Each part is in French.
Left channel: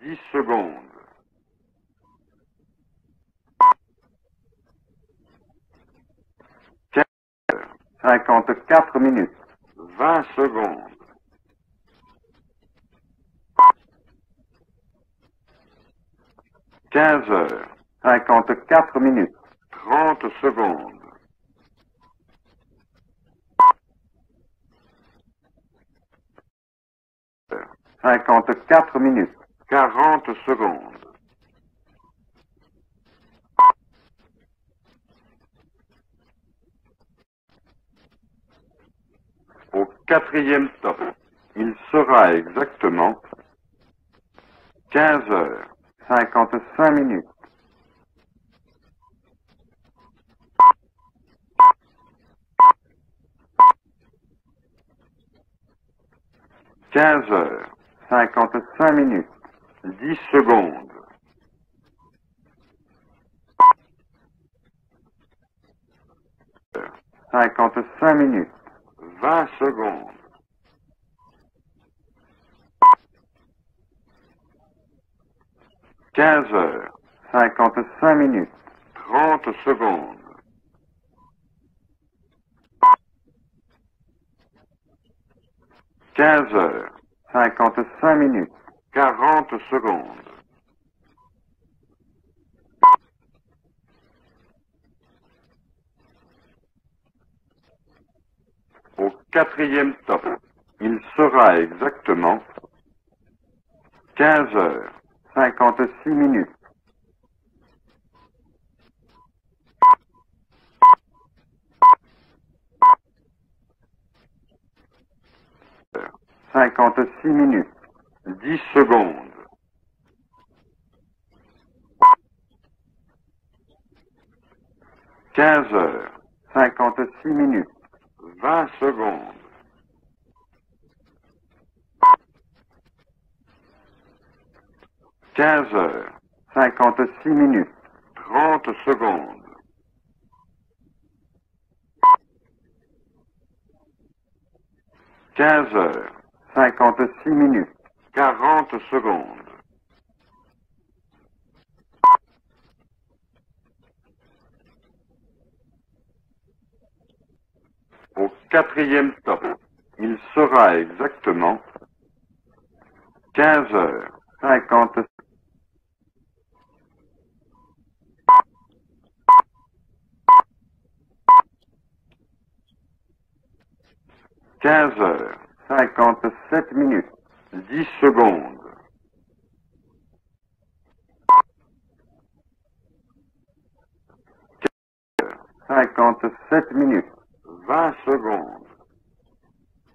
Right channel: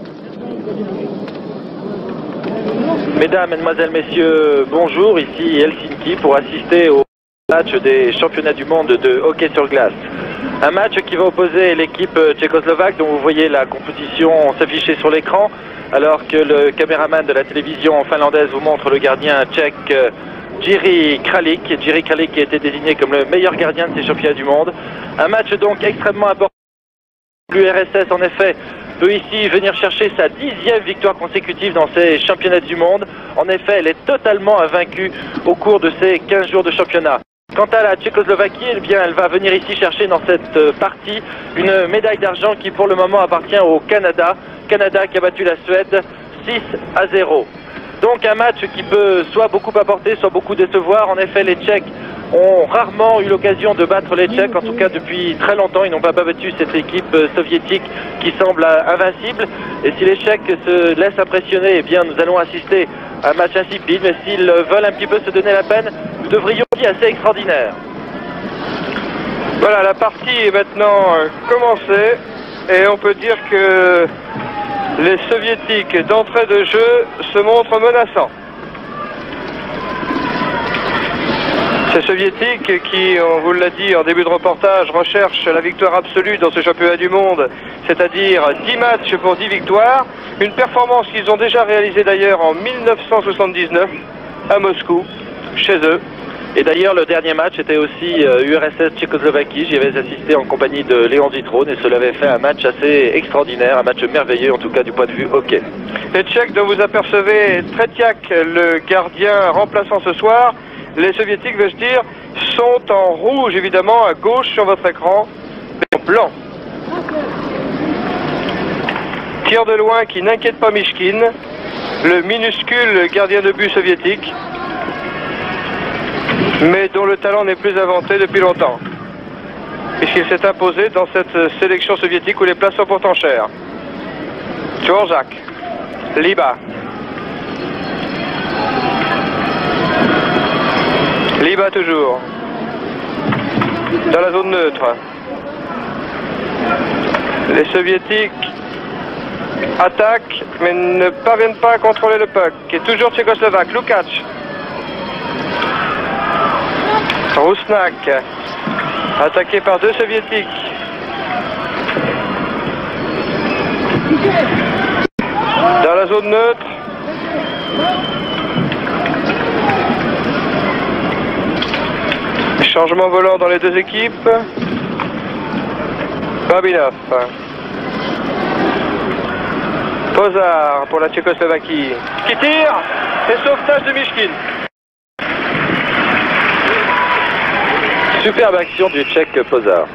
10 secondes. Mesdames, Mesdemoiselles, Messieurs, bonjour, ici Helsinki pour assister au match des championnats du monde de hockey sur glace. Un match qui va opposer l'équipe tchécoslovaque dont vous voyez la composition s'afficher sur l'écran, alors que le caméraman de la télévision finlandaise vous montre le gardien tchèque Jiří Kralik. Jiří Kralik qui a été désigné comme le meilleur gardien de ces championnats du monde. Un match donc extrêmement important. L'URSS en effet peut ici venir chercher sa 10e victoire consécutive dans ces championnats du monde. En effet, elle est totalement invaincue au cours de ces 15 jours de championnat. Quant à la Tchécoslovaquie, eh bien, elle va venir ici chercher dans cette partie une médaille d'argent qui pour le moment appartient au Canada. Canada qui a battu la Suède 6-0. Donc un match qui peut soit beaucoup apporter, soit beaucoup décevoir. En effet, les Tchèques ont rarement eu l'occasion de battre les Tchèques, en tout cas depuis très longtemps. Ils n'ont pas battu cette équipe soviétique qui semble invincible. Et si les Tchèques se laissent impressionner, eh bien nous allons assister à un match insipide. Mais s'ils veulent un petit peu se donner la peine, nous devrions dire assez extraordinaire. Voilà, la partie est maintenant commencée. Et on peut dire que les soviétiques d'entrée de jeu se montrent menaçants. Ces soviétiques qui, on vous l'a dit en début de reportage, recherchent la victoire absolue dans ce championnat du monde, c'est-à-dire 10 matchs pour 10 victoires, une performance qu'ils ont déjà réalisée d'ailleurs en 1979 à Moscou, chez eux. Et d'ailleurs, le dernier match était aussi URSS-Tchécoslovaquie. J'y avais assisté en compagnie de Léon Vitrone et cela avait fait un match assez extraordinaire, un match merveilleux en tout cas du point de vue hockey. Les Tchèques dont vous apercevez Tretiak, le gardien remplaçant ce soir, les soviétiques, veux-je dire, sont en rouge évidemment à gauche sur votre écran, mais en blanc. 56 minutes. 10 secondes. Tir de loin qui n'inquiète pas Mishkin, le minuscule gardien de but soviétique, 15. mais dont le talent n'est plus inventé depuis longtemps, puisqu'il s'est imposé dans cette sélection soviétique où les places sont pourtant chères. Dvorak, 15. Liba, 56 minutes. 11 secondes. Liba toujours, dans la zone neutre. 15. 56 Les soviétiques 40 secondes. attaquent, mais ne parviennent pas à contrôler le puck, qui est toujours tchécoslovaque. Lukac, Rusnak, 4e. attaqué par deux soviétiques. Exactement. 15. 50. Dans la zone neutre. Changement volant dans les deux équipes. 15. 50. Babinov. 10 secondes. Pozar pour la Tchécoslovaquie. Qui tire. Et sauvetage de Mishkin. 57 minutes. Superbe action du Tchèque Pozar.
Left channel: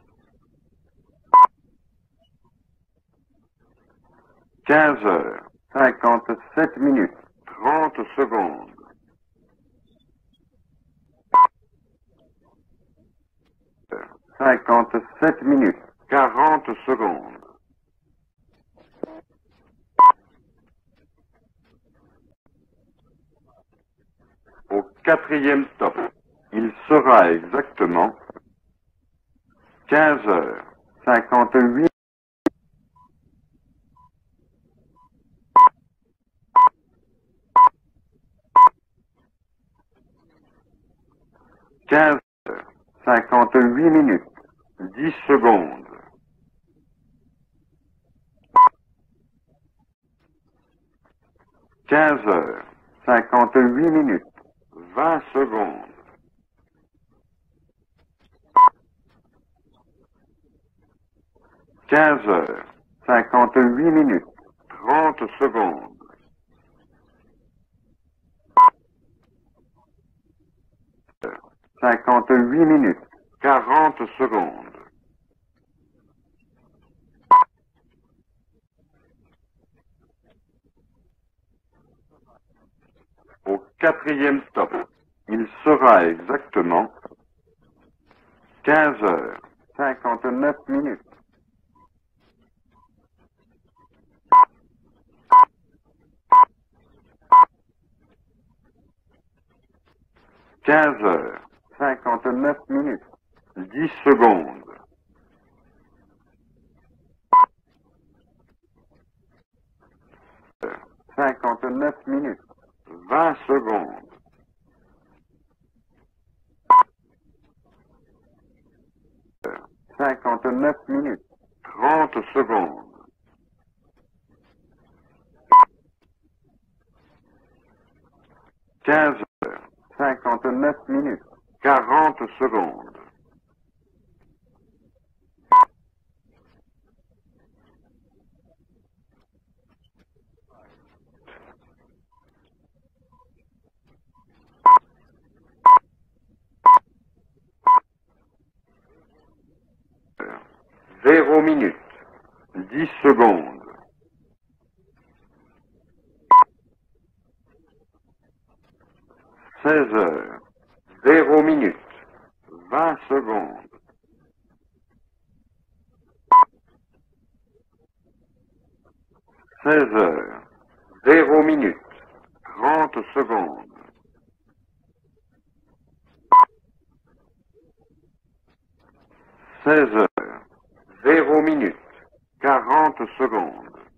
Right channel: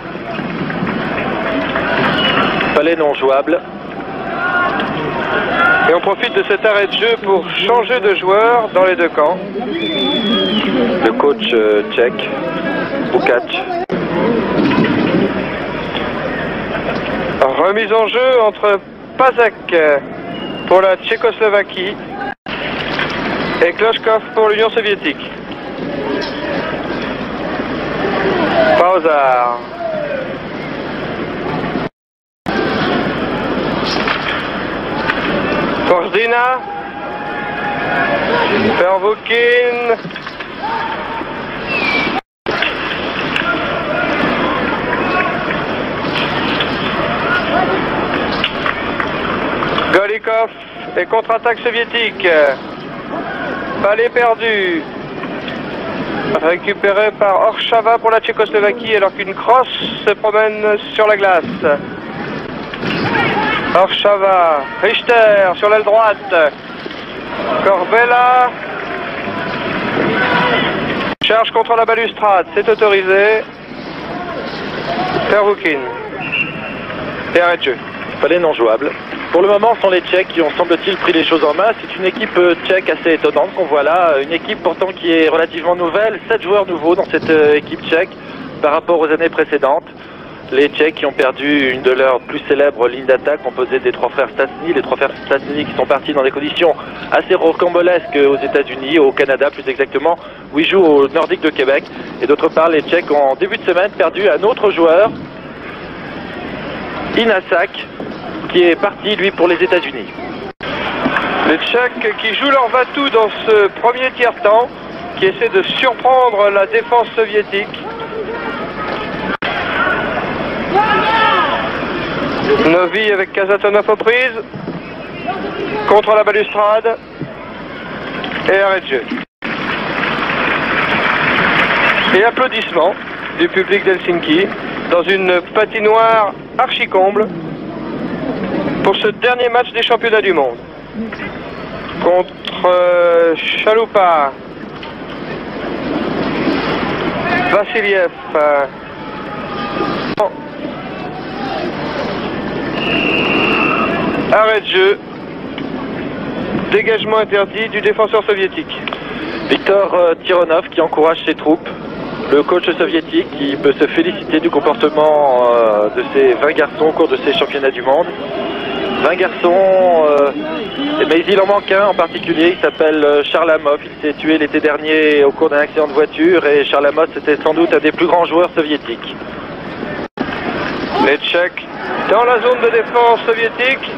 Palais non jouable. 15. Et on profite de cet arrêt de jeu pour changer de joueur dans les deux camps. Le coach tchèque, Bukac. 57 minutes. 40 secondes. Remise en jeu entre Pazek pour la Tchécoslovaquie et Klochkov pour l'Union soviétique. 4e stop. Sera exactement. Pozar. 15. 50 minutes. Korzina. Pervokin. 15. 58 minutes. 10 secondes. Golikov et contre-attaque soviétique. 58 Balle minutes. perdue. 20 secondes. Récupéré par Orshava pour la Tchécoslovaquie alors qu'une crosse se promène sur la glace. 15. 58 minutes. Orshava, Richter sur l'aile droite. Corbella. Charge contre la balustrade, c'est autorisé. 40 secondes. Pervokin. Et arrêt de jeu. Palais non jouable. Pour le moment, ce sont les Tchèques qui ont, semble-t-il, pris les choses en main. C'est une équipe tchèque assez étonnante qu'on voit là. Une équipe pourtant qui est relativement nouvelle. 7 joueurs nouveaux dans cette équipe tchèque par rapport aux années précédentes. Les Tchèques qui ont perdu une de leurs plus célèbres lignes d'attaque, composée des trois frères Stasny. Les trois frères Stasny qui sont partis dans des conditions assez rocambolesques aux États-Unis, au Canada plus exactement, où ils jouent au Nordique de Québec. Et d'autre part, les Tchèques ont en début de semaine perdu un autre joueur, Inasak, qui est parti, lui, pour les États-Unis. Les Tchèques qui jouent leur va-tout dans ce premier tiers-temps, qui essaie de surprendre la défense soviétique. Novi avec Kazatonov aux prises, contre la balustrade, et arrêt de jeu. Et applaudissements du public d'Helsinki dans une patinoire archi-comble pour ce dernier match des championnats du monde. Contre Chaloupa, Vassiliev, 0 minutes. Secondes. arrêt de jeu, dégagement interdit du défenseur soviétique. Victor Tironov qui encourage ses troupes. Le coach soviétique qui peut se féliciter du comportement de ces 20 garçons au cours de ces championnats du monde. 20 garçons, mais il en manque un en particulier, il s'appelle Charlamov. Il s'est tué l'été dernier au cours d'un accident de voiture et Charlamov c'était sans doute un des plus grands joueurs soviétiques. 16. Les Tchèques dans la zone de défense soviétique,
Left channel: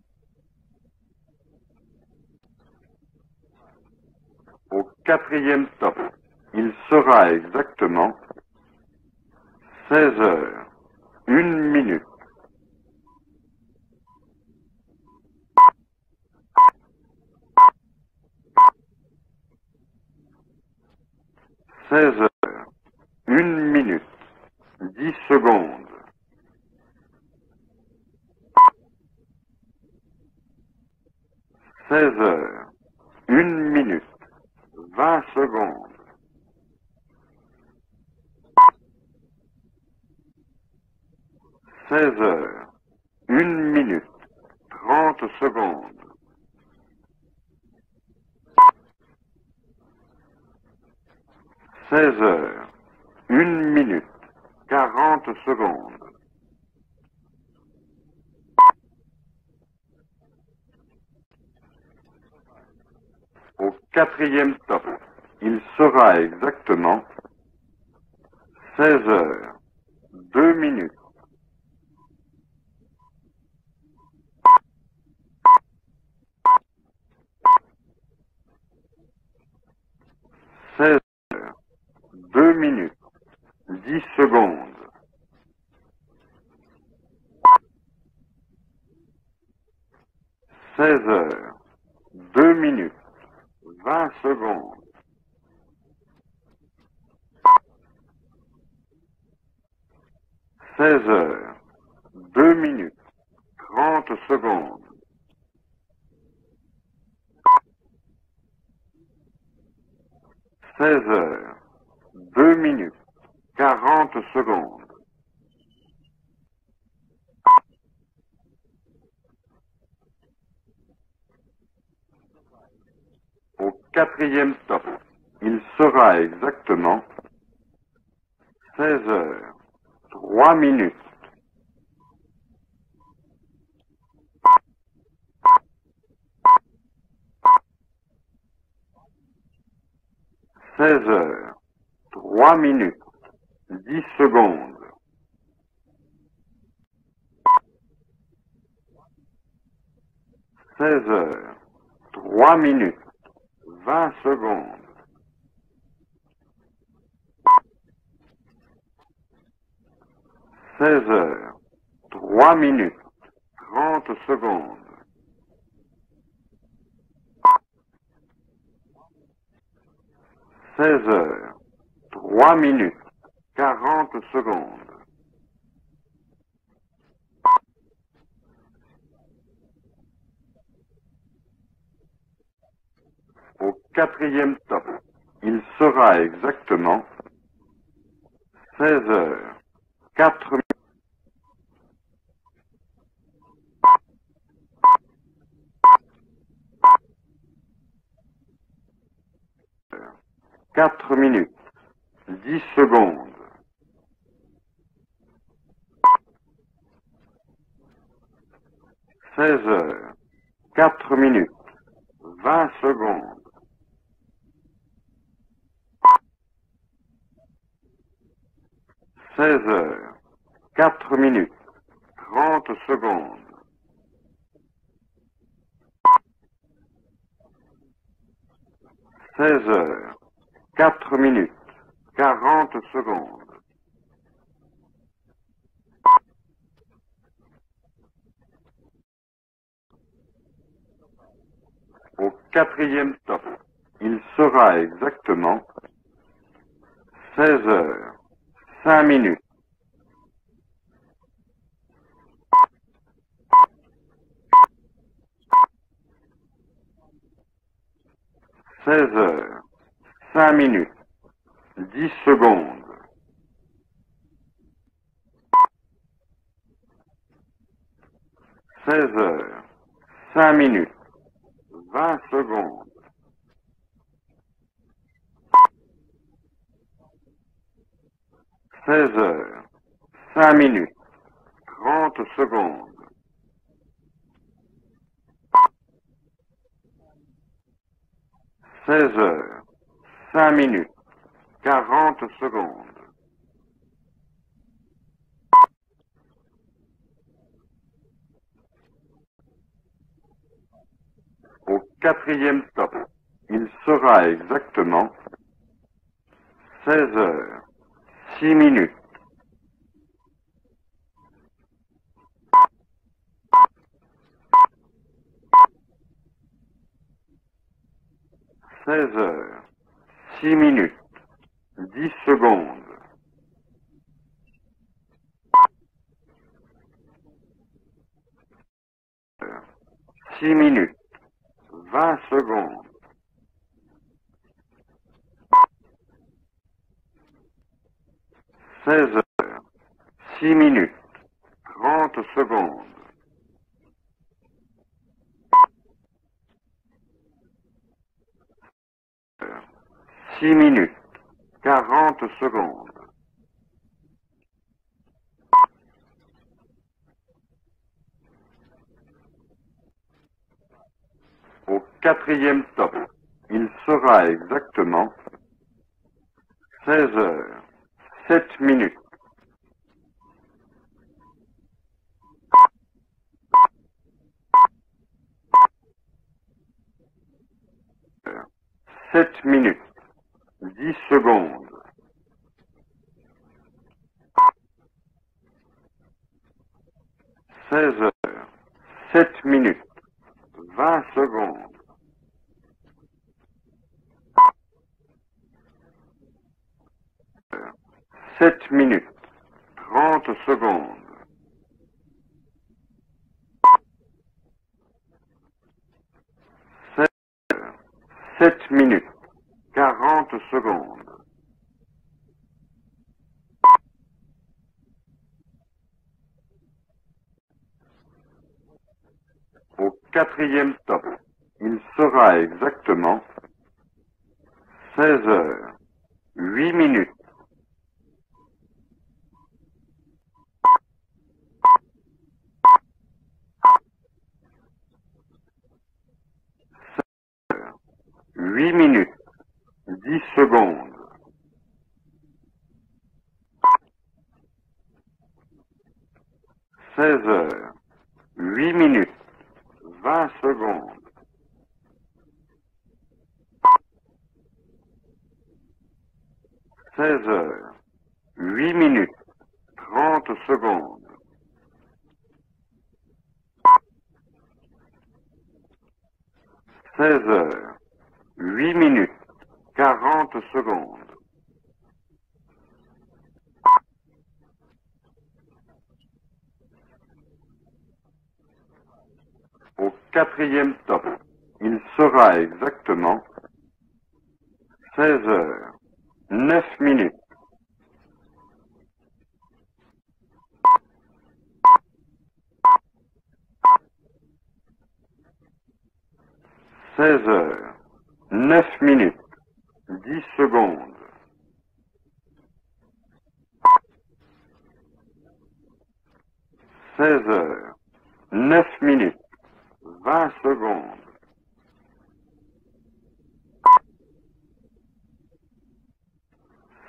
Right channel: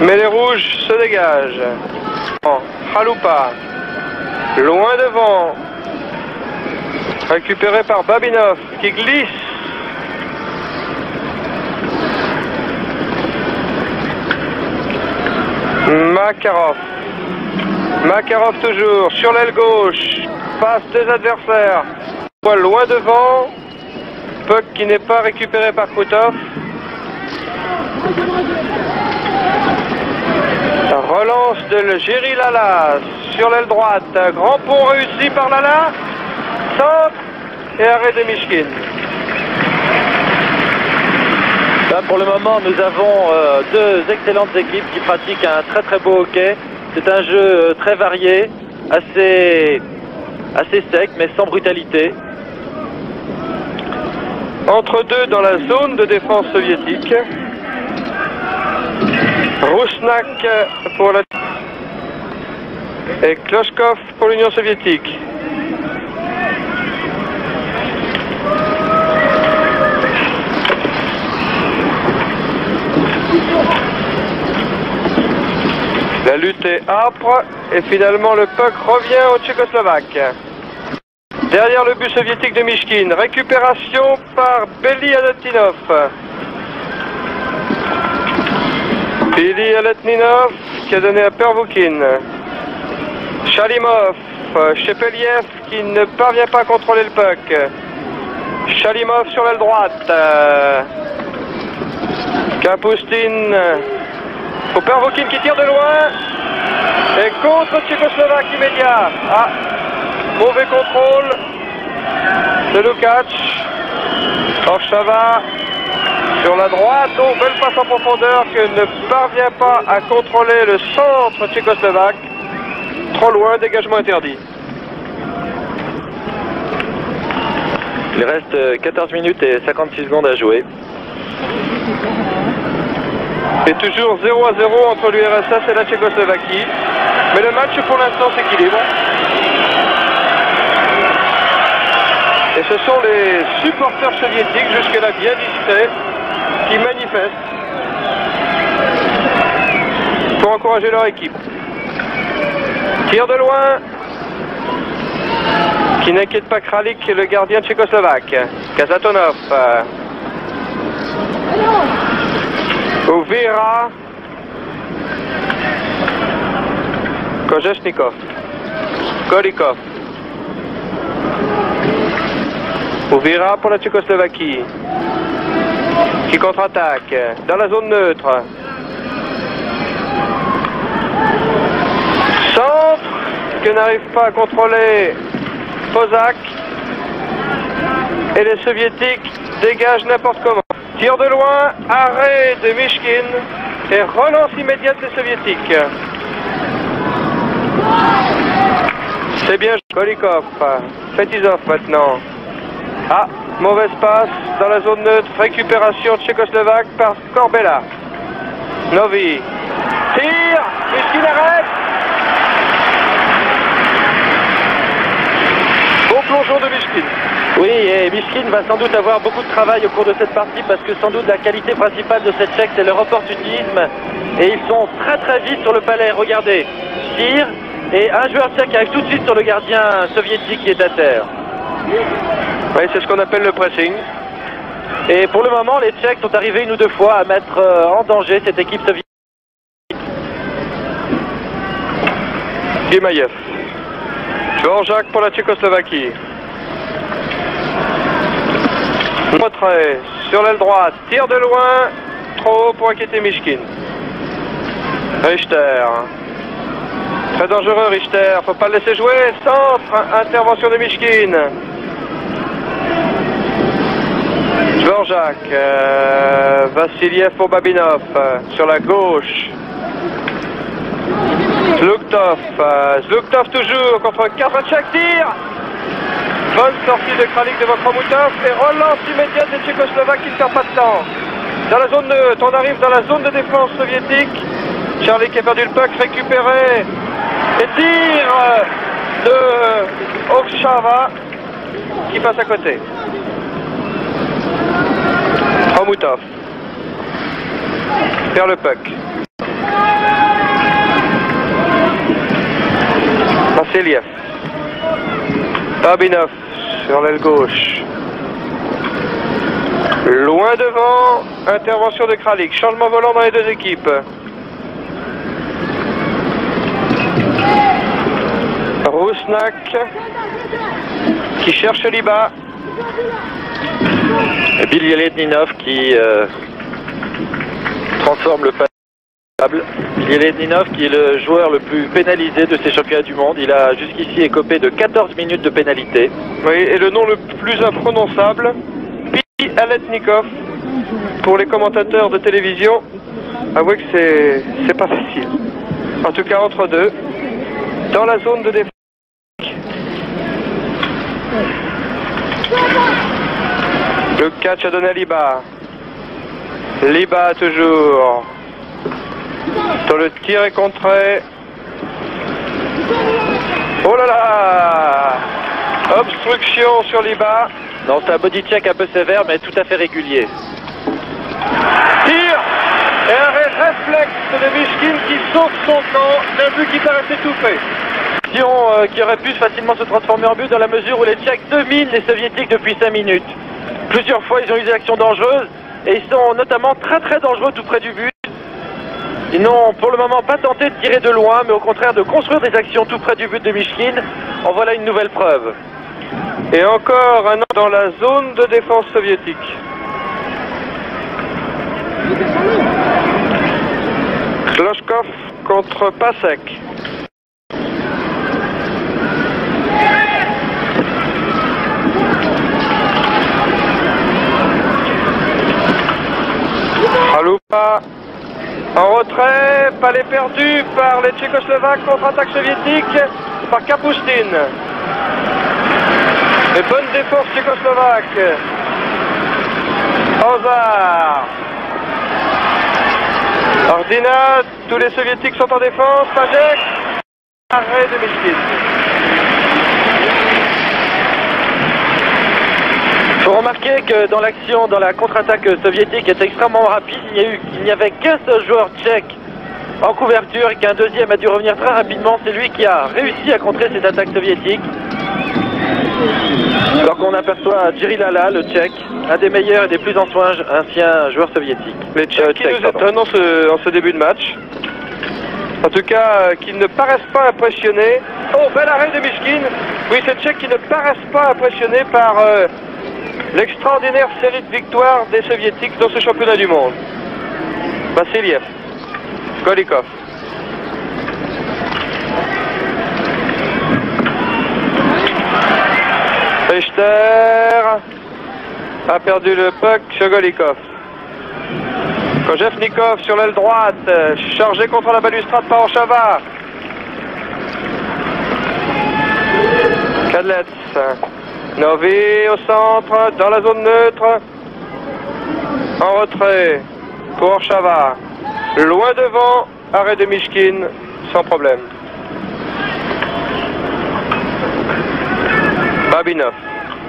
mais les rouges se dégagent. Chaloupa, loin devant, récupéré par Babinov qui glisse. 16. 1 minute. Makarov. Makarov toujours sur l'aile gauche, passe des adversaires. 16. Loin devant, 1 minute. puck qui n'est pas récupéré par Krutov. Relance de Géry Lala sur l'aile droite. Grand pont réussi par Lala. Centre et arrêt de Mishkin. Là, pour le moment, nous avons deux excellentes équipes qui pratiquent un très très beau hockey. C'est un jeu très varié, assez sec, mais sans brutalité. 16. 1 minute. Entre deux dans la zone de défense soviétique. Rousnak pour la... et Kloshkov pour l'Union soviétique. Sera exactement. 16. 2 minutes. La lutte est âpre et finalement le puck revient aux Tchécoslovaques. 16. Derrière le but soviétique de Mishkin, récupération par Beli Aletninov. Beli Aletninov qui a donné à Pervoukin. 2 minutes. Chalimov, Shepeliev qui ne parvient pas à contrôler le puck. Chalimov sur l'aile droite. 16. Kapustin. Pour Pervoukin qui tire de loin. Et contre Tchécoslovaque immédiat. Ah, mauvais contrôle de Lukács. Orchava sur la droite. Oh, belle passe en profondeur que ne parvient pas à contrôler le centre tchécoslovaque. Trop loin, dégagement interdit. Sera exactement. Il reste 14 minutes et 56 secondes à 3 jouer. minutes. Et toujours 0-0 entre l'URSS et la Tchécoslovaquie. Mais le match pour l'instant s'équilibre. 16. 3 Et ce minutes. sont les supporters soviétiques, jusque-là bien discrets, qui manifestent pour encourager leur équipe. 3 minutes. Tir de loin, 20 secondes. qui n'inquiète pas Kralik, le gardien tchécoslovaque. Kazatonov, 16. 3 minutes. Ouvira, 30 secondes. Kojesnikov, Golikov, 16. 3 minutes. Ouvira pour la Tchécoslovaquie, qui contre-attaque dans la zone neutre. Centre que n'arrive pas à contrôler Kozak. Exactement. Et les soviétiques dégagent n'importe comment. Tir de loin, arrêt de Mishkin et relance immédiate des soviétiques. C'est bien Golikov, Fetizov maintenant. 10 secondes. Ah, mauvaise passe dans la zone neutre, récupération tchécoslovaque par Korbela. Novi, 16. tire, Mishkin arrête. Bon plongeon de Mishkin. Oui, et Mishkin va sans doute avoir beaucoup de travail au cours de cette partie parce que sans doute la qualité principale de cette Tchèque, c'est leur opportunisme. Et ils sont très vite sur le palais. Regardez, tir, et un joueur tchèque arrive tout de suite sur le gardien soviétique qui est à terre. Oui, c'est ce qu'on appelle le pressing. Et pour le moment, les Tchèques sont arrivés une ou deux fois à mettre en danger cette équipe soviétique. Gimayev. Jean-Jacques pour la Tchécoslovaquie. Retrait sur l'aile droite, tir de loin, trop haut pour inquiéter Mishkin. Richter. Très dangereux Richter, faut pas le laisser jouer. Centre, intervention de Mishkin. Jean-Jacques. Vassiliev pour Babinov sur la gauche. 5 minutes. Zluktov. Zluktov toujours contre 4 Tchèques, tir. Bonne sortie de Kralik devant Khomutov et relance immédiate des Tchécoslovaques qui ne perdent pas de temps. Dans la zone neutre, on arrive dans la zone de défense soviétique. Charlie qui a perdu le puck, récupéré. Et tir de Okshava qui passe à côté. Khomutov perd le puck. Vassiliev. Babinov sur l'aile gauche. 10 minutes. Loin devant, intervention de Kralik. Changement volant dans les deux équipes. Rusnak qui cherche Liba. Et Bilieledninov qui transforme le table. Bilieledninov qui est le joueur le plus pénalisé de ces championnats du monde. Il a jusqu'ici écopé de 14 minutes de pénalité. Oui, et le nom le plus imprononçable, Bialetnikov. 10 minutes. Pour les commentateurs de télévision, avouez que c'est pas facile. En tout cas entre deux, dans la zone de défense. 10 minutes. Le catch a donné à Liba. Liba toujours. Dans le tir est contré. Oh là là! Obstruction sur Liba. Non, c'est un body check un peu sévère, mais tout à fait régulier. Tir! Et un réflexe de Mishkin qui sauve son camp d'un but qui paraissait tout fait. Qui aurait pu facilement se transformer en but dans la mesure où les Tchèques dominent les Soviétiques depuis 5 minutes. Plusieurs fois, ils ont eu des actions dangereuses et ils sont notamment très dangereux tout près du but. Ils n'ont pour le moment pas tenté de tirer de loin, mais au contraire de construire des actions tout près du but de Mishkin. En voilà une nouvelle preuve. Et encore un an dans la zone de défense soviétique. Kloshkov contre Pasek. 7 minutes. Haloupa en retrait, palais perdu par les Tchécoslovaques, contre-attaque soviétique par Kapustin. Et bonne défense tchécoslovaque. Ozar. Ordina, tous les soviétiques sont en défense. Pajek. Arrêt de Mishkin. 8 minutes. Il faut remarquer que dans l'action, dans la contre-attaque soviétique était extrêmement rapide. Il n'y avait qu'un seul joueur tchèque en couverture et qu'un deuxième a dû revenir très rapidement. C'est lui qui a réussi à contrer cette attaque soviétique. Alors qu'on aperçoit Jiri Lala, le tchèque, un des meilleurs et des plus anciens joueurs soviétiques. Les tchèques qui nous étonnent en ce début de match. En tout cas, qui ne paraissent pas impressionnés. Oh, bel arrêt de Mishkin. Oui, ces Tchèques qui ne paraissent pas impressionnés par l'extraordinaire série de victoires des Soviétiques dans ce championnat du monde. Vassiliev. Golikov. Quatrième Mechter a perdu le puck sur Golikov. Kojevnikov sur l'aile droite, chargé contre la balustrade par Orshava. 16 heures. 9 minutes. Kadlets. Novi au centre, dans la zone neutre. En retrait pour Orshava. Loin devant, arrêt de Mishkin, sans problème. Babinov.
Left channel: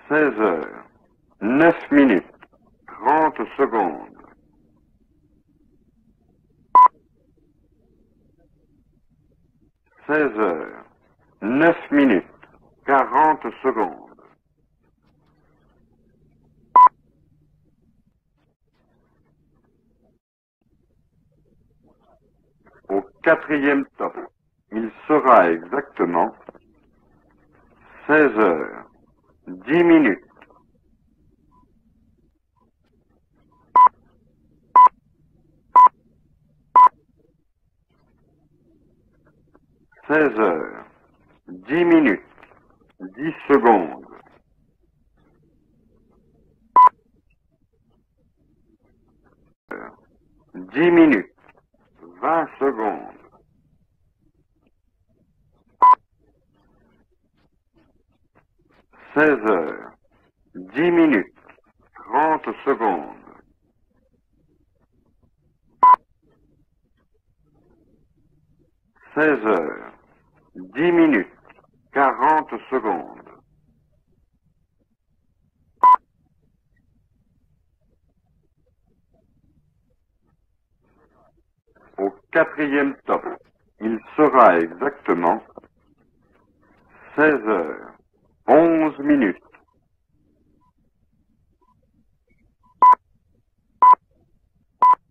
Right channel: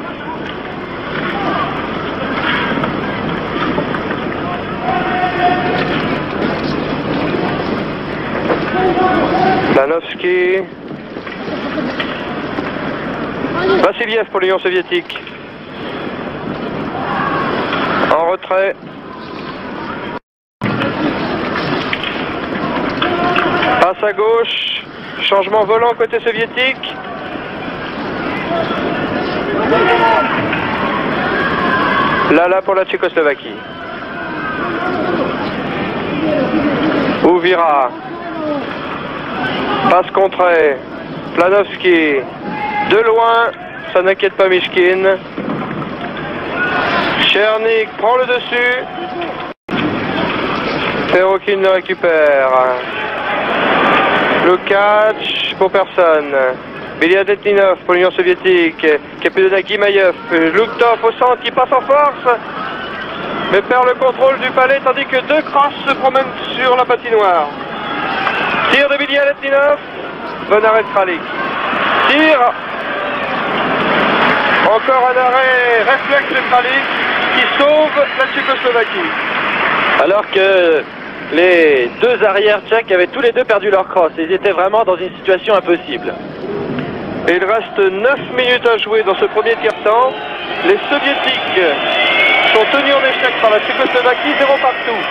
9 minutes. 30 secondes. Planovski. 9 minutes. 40. Vassiliev pour l'Union soviétique. En retrait. Passe à gauche. Changement volant côté soviétique. 16 heures. 10 minutes. Lala pour la Tchécoslovaquie. Ouvira. Passe contrée. Planovski. De loin, ça n'inquiète pas Mishkin. Chernik prend le dessus. Perokin le récupère. Le catch pour personne. Beliadetninov pour l'Union soviétique. Kapelina Guimayev. Luktov au centre qui passe en force. Mais perd le contrôle du palais tandis que deux crosses se promènent sur la patinoire. Tir de Beliadetninov. Bon arrêt de Kralik. Tir. Encore un arrêt réflexe de Kralik qui sauve la Tchécoslovaquie. Alors que les deux arrières tchèques avaient tous les deux perdu leur crosse. Ils étaient vraiment dans une situation impossible. Et il reste 9 minutes à jouer dans ce premier tiers-temps. Les soviétiques sont tenus en échec par la Tchécoslovaquie, 0 partout.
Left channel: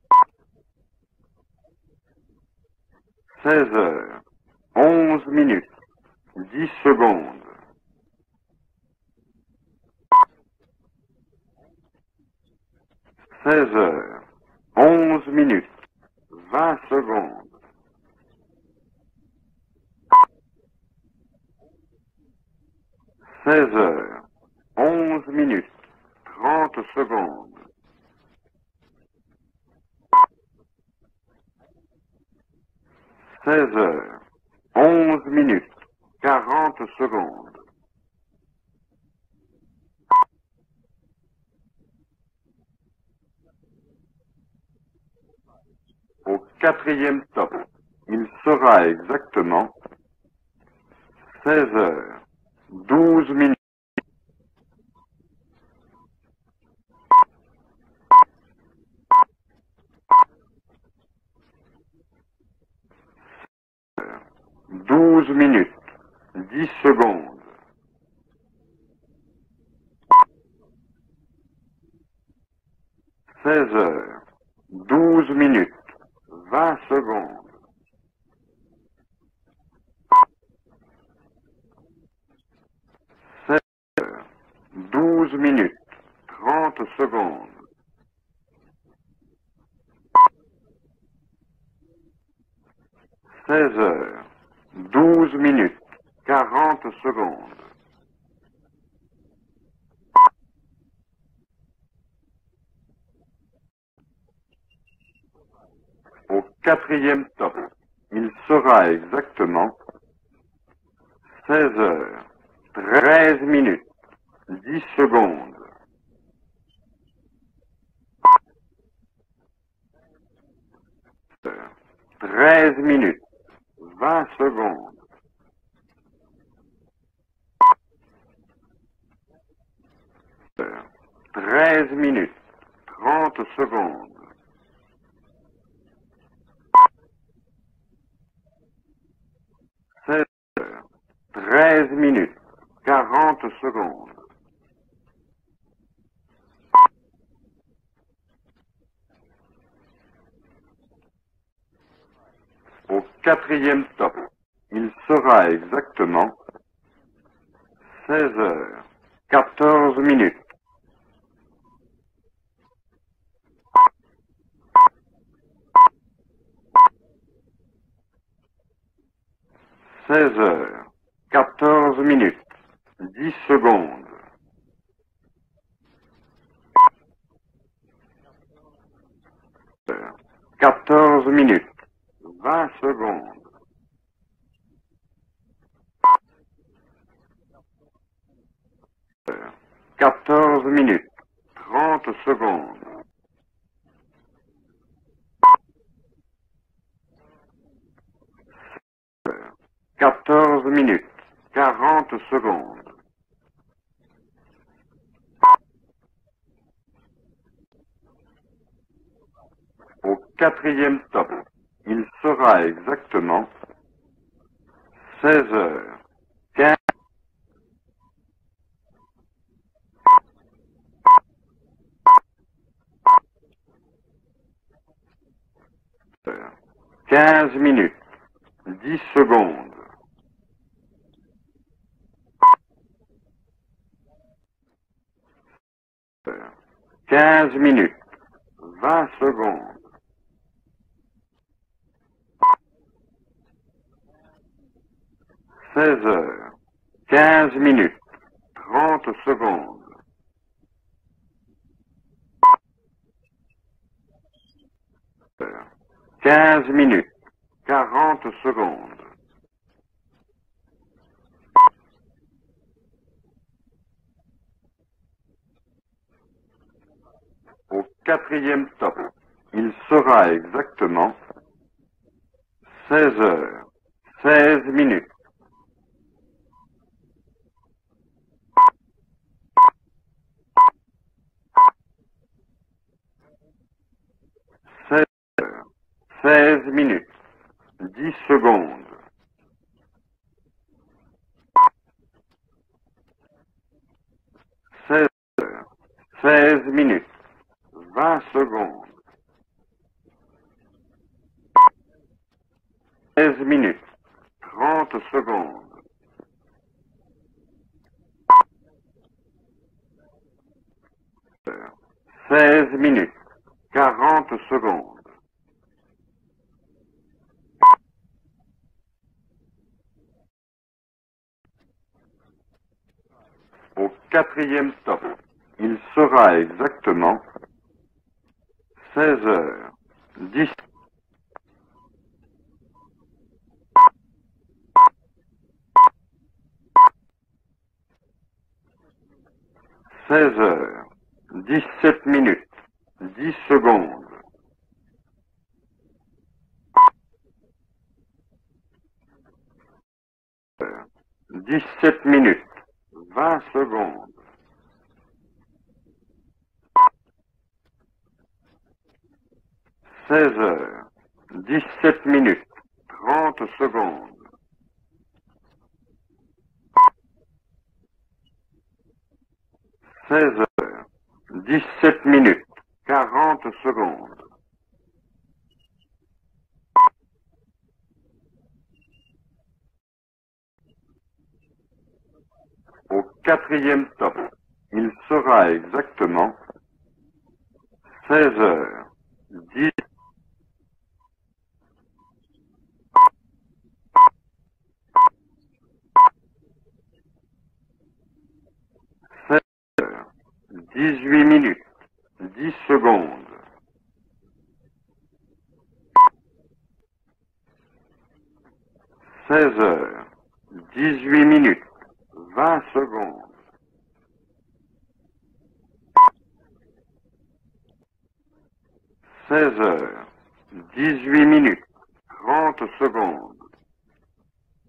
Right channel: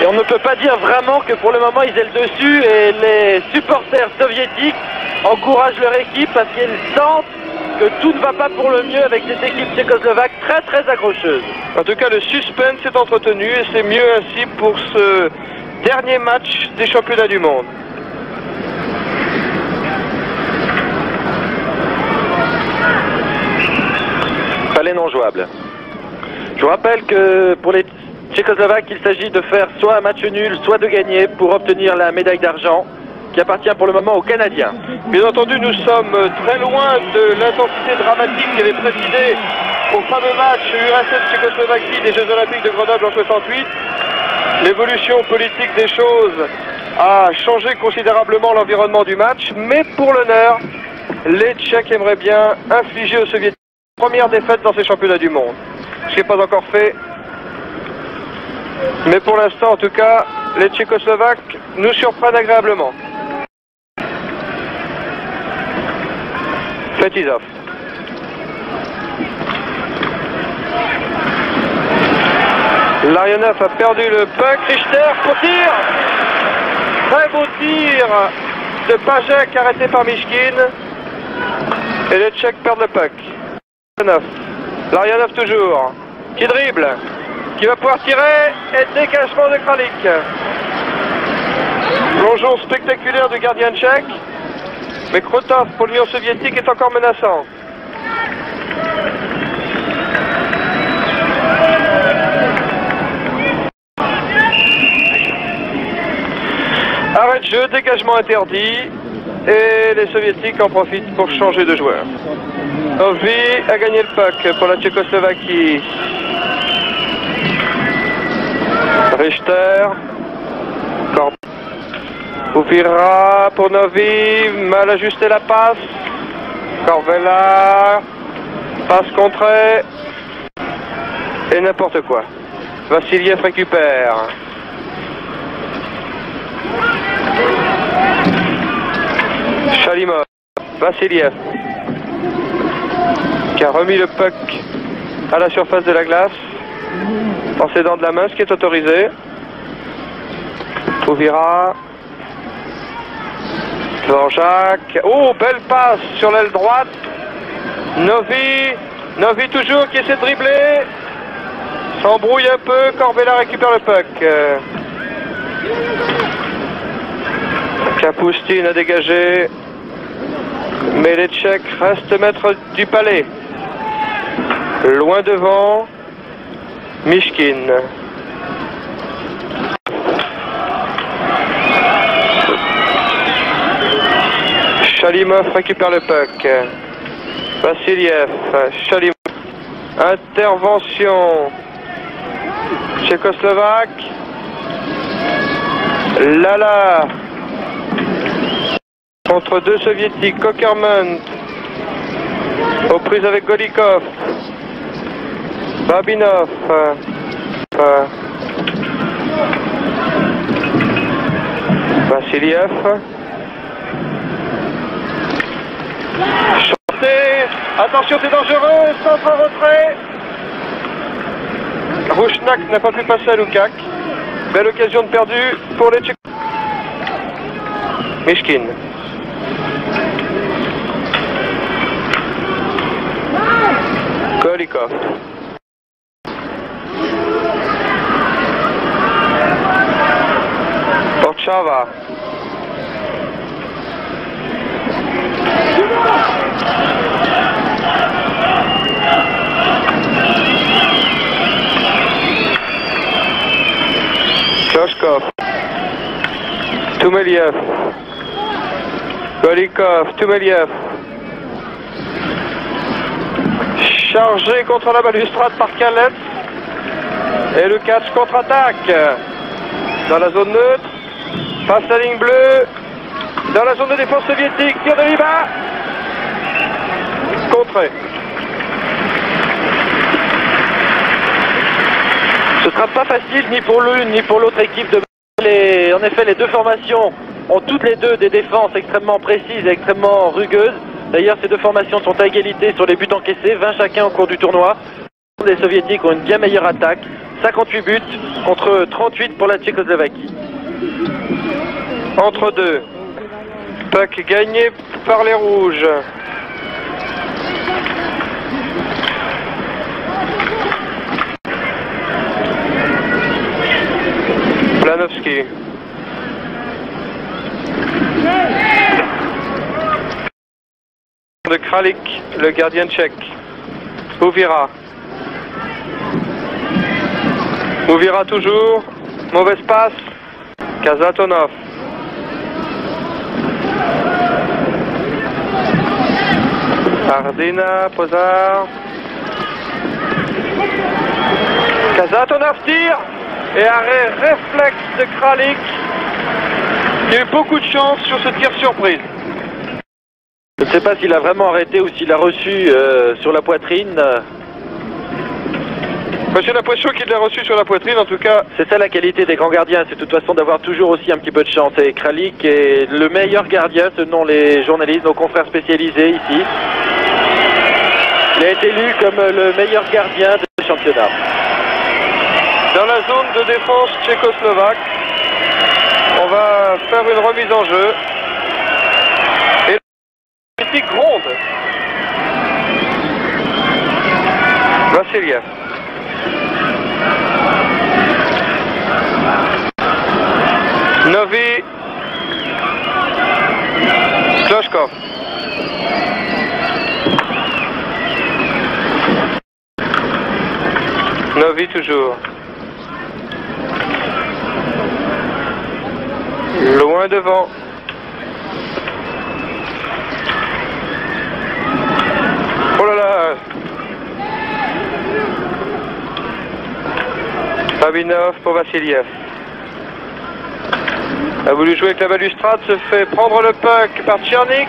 Et on ne peut pas dire vraiment que pour le moment ils aient le dessus, et les supporters soviétiques encouragent leur équipe parce qu'ils sentent que tout ne va pas pour le mieux avec cette équipe tchécoslovaque très très accrocheuse. En tout cas, le suspense est entretenu et c'est mieux ainsi pour ce dernier match des championnats du monde. Palais non jouable. Je vous rappelle que pour les Tchécoslovaques, il s'agit de faire soit un match nul, soit de gagner pour obtenir la médaille d'argent qui appartient pour le moment aux Canadiens. Bien entendu, nous sommes très loin de l'intensité dramatique qui avait présidé au fameux match URSS-Tchécoslovaquie des Jeux Olympiques de Grenoble en 68. L'évolution politique des choses a changé considérablement l'environnement du match, mais pour l'honneur, les Tchèques aimeraient bien infliger aux Soviétiques la première défaite dans ces championnats du monde. Ce qui n'est pas encore fait. Mais pour l'instant, en tout cas, les Tchécoslovaques nous surprennent agréablement. 12 minutes. Fetisov. Larionov a perdu le puck. Richter pour tir. Très beau tir de Pajek arrêté par Mishkin. Et les Tchèques perdent le puck. Larionov toujours. Qui dribble. Qui va pouvoir tirer. Et dégagement de Kralik. Plongeon spectaculaire du gardien tchèque. Mais Krotov pour l'Union soviétique est encore menaçant. Arrêt de jeu, dégagement interdit. Et les soviétiques en profitent pour changer de joueur. Novi a gagné le puck pour la Tchécoslovaquie. Richter. Koupira pour Novi, mal ajusté la passe. Corvella, passe contrée. Et n'importe quoi. Vassiliev récupère. Chalimov, Vassiliev, 13 minutes. qui a remis le puck à la surface de la glace en s'aidant de la main, ce qui est autorisé. Ouvira. Dvorak. Oh, belle passe sur l'aile droite. Novi toujours qui s'est dribblé. S'embrouille un peu. Corvella récupère le puck. Kapustin a dégagé. 16 heures. Mais les Tchèques restent maîtres du palais. 10 secondes. Loin devant. Mishkin. 14 minutes. Chalimov récupère le puck. Vassiliev, Chalimov. Intervention 30 secondes. tchécoslovaque. Lala contre deux soviétiques, Cockerman 40 secondes. Aux prises avec Golikov. Babinov. 4 minutes. Vassiliev. Exactement. 16 heures. Attention, c'est dangereux. Centre retrait. Rouchnak n'a pas pu passer à Lukac. Belle occasion de perdu pour les Tchèques. 15 minutes. Mishkin. 10 secondes. Golikov. 15 minutes. Porchava. 15 minutes. Kloshkov. 15 minutes. Tumeliev. 40 secondes. Golikov. Tumeliev. Chargé contre la balustrade par Kalets. Et le catch contre-attaque. Dans la zone neutre. Exactement. Passe la ligne bleue. 16 heures. Dans la zone de défense 16 soviétique. Tir de Liba. Contré. Ce sera pas facile ni pour l'une ni pour l'autre équipe. En effet, les deux formations ont toutes les deux des défenses extrêmement précises et extrêmement rugueuses. D'ailleurs, ces deux formations sont à égalité sur les buts encaissés, 20 chacun au cours du tournoi. Les soviétiques ont une bien meilleure attaque, 58 buts contre 38 pour la Tchécoslovaquie. Entre deux. 16 minutes. Puck gagné par les rouges. Planovski. De Kralik, le gardien tchèque. Ouvira. Exactement. Ouvira toujours. 16 heures. Mauvaise passe. 10. Kazatonov. Ardina, Pozar. 16 heures. Kazatonov tire. Et arrêt réflexe de Kralik. Il y a eu beaucoup de chance sur ce tir surprise. Je ne sais pas s'il a vraiment arrêté ou s'il a reçu sur la poitrine. J'ai l'impression qu'il l'a reçu sur la poitrine, en tout cas. C'est ça la qualité des grands gardiens, c'est de toute façon d'avoir toujours aussi un petit peu de chance. Et Kralik est le meilleur gardien selon les journalistes, nos confrères spécialisés ici. Il a été élu comme le meilleur gardien du championnat. 17 minutes. Dans la zone de défense tchécoslovaque, on va faire une remise en jeu. Et la politique gronde. Vassiliev. Exactement. Novi. Kloshkov. Novi toujours. 10 secondes. Loin devant. 16 heures. 18 minutes. Oh là là. Babinov pour Vassiliev. 16 heures. 18 minutes. A voulu jouer avec la balustrade, se fait prendre le puck par Tchernik.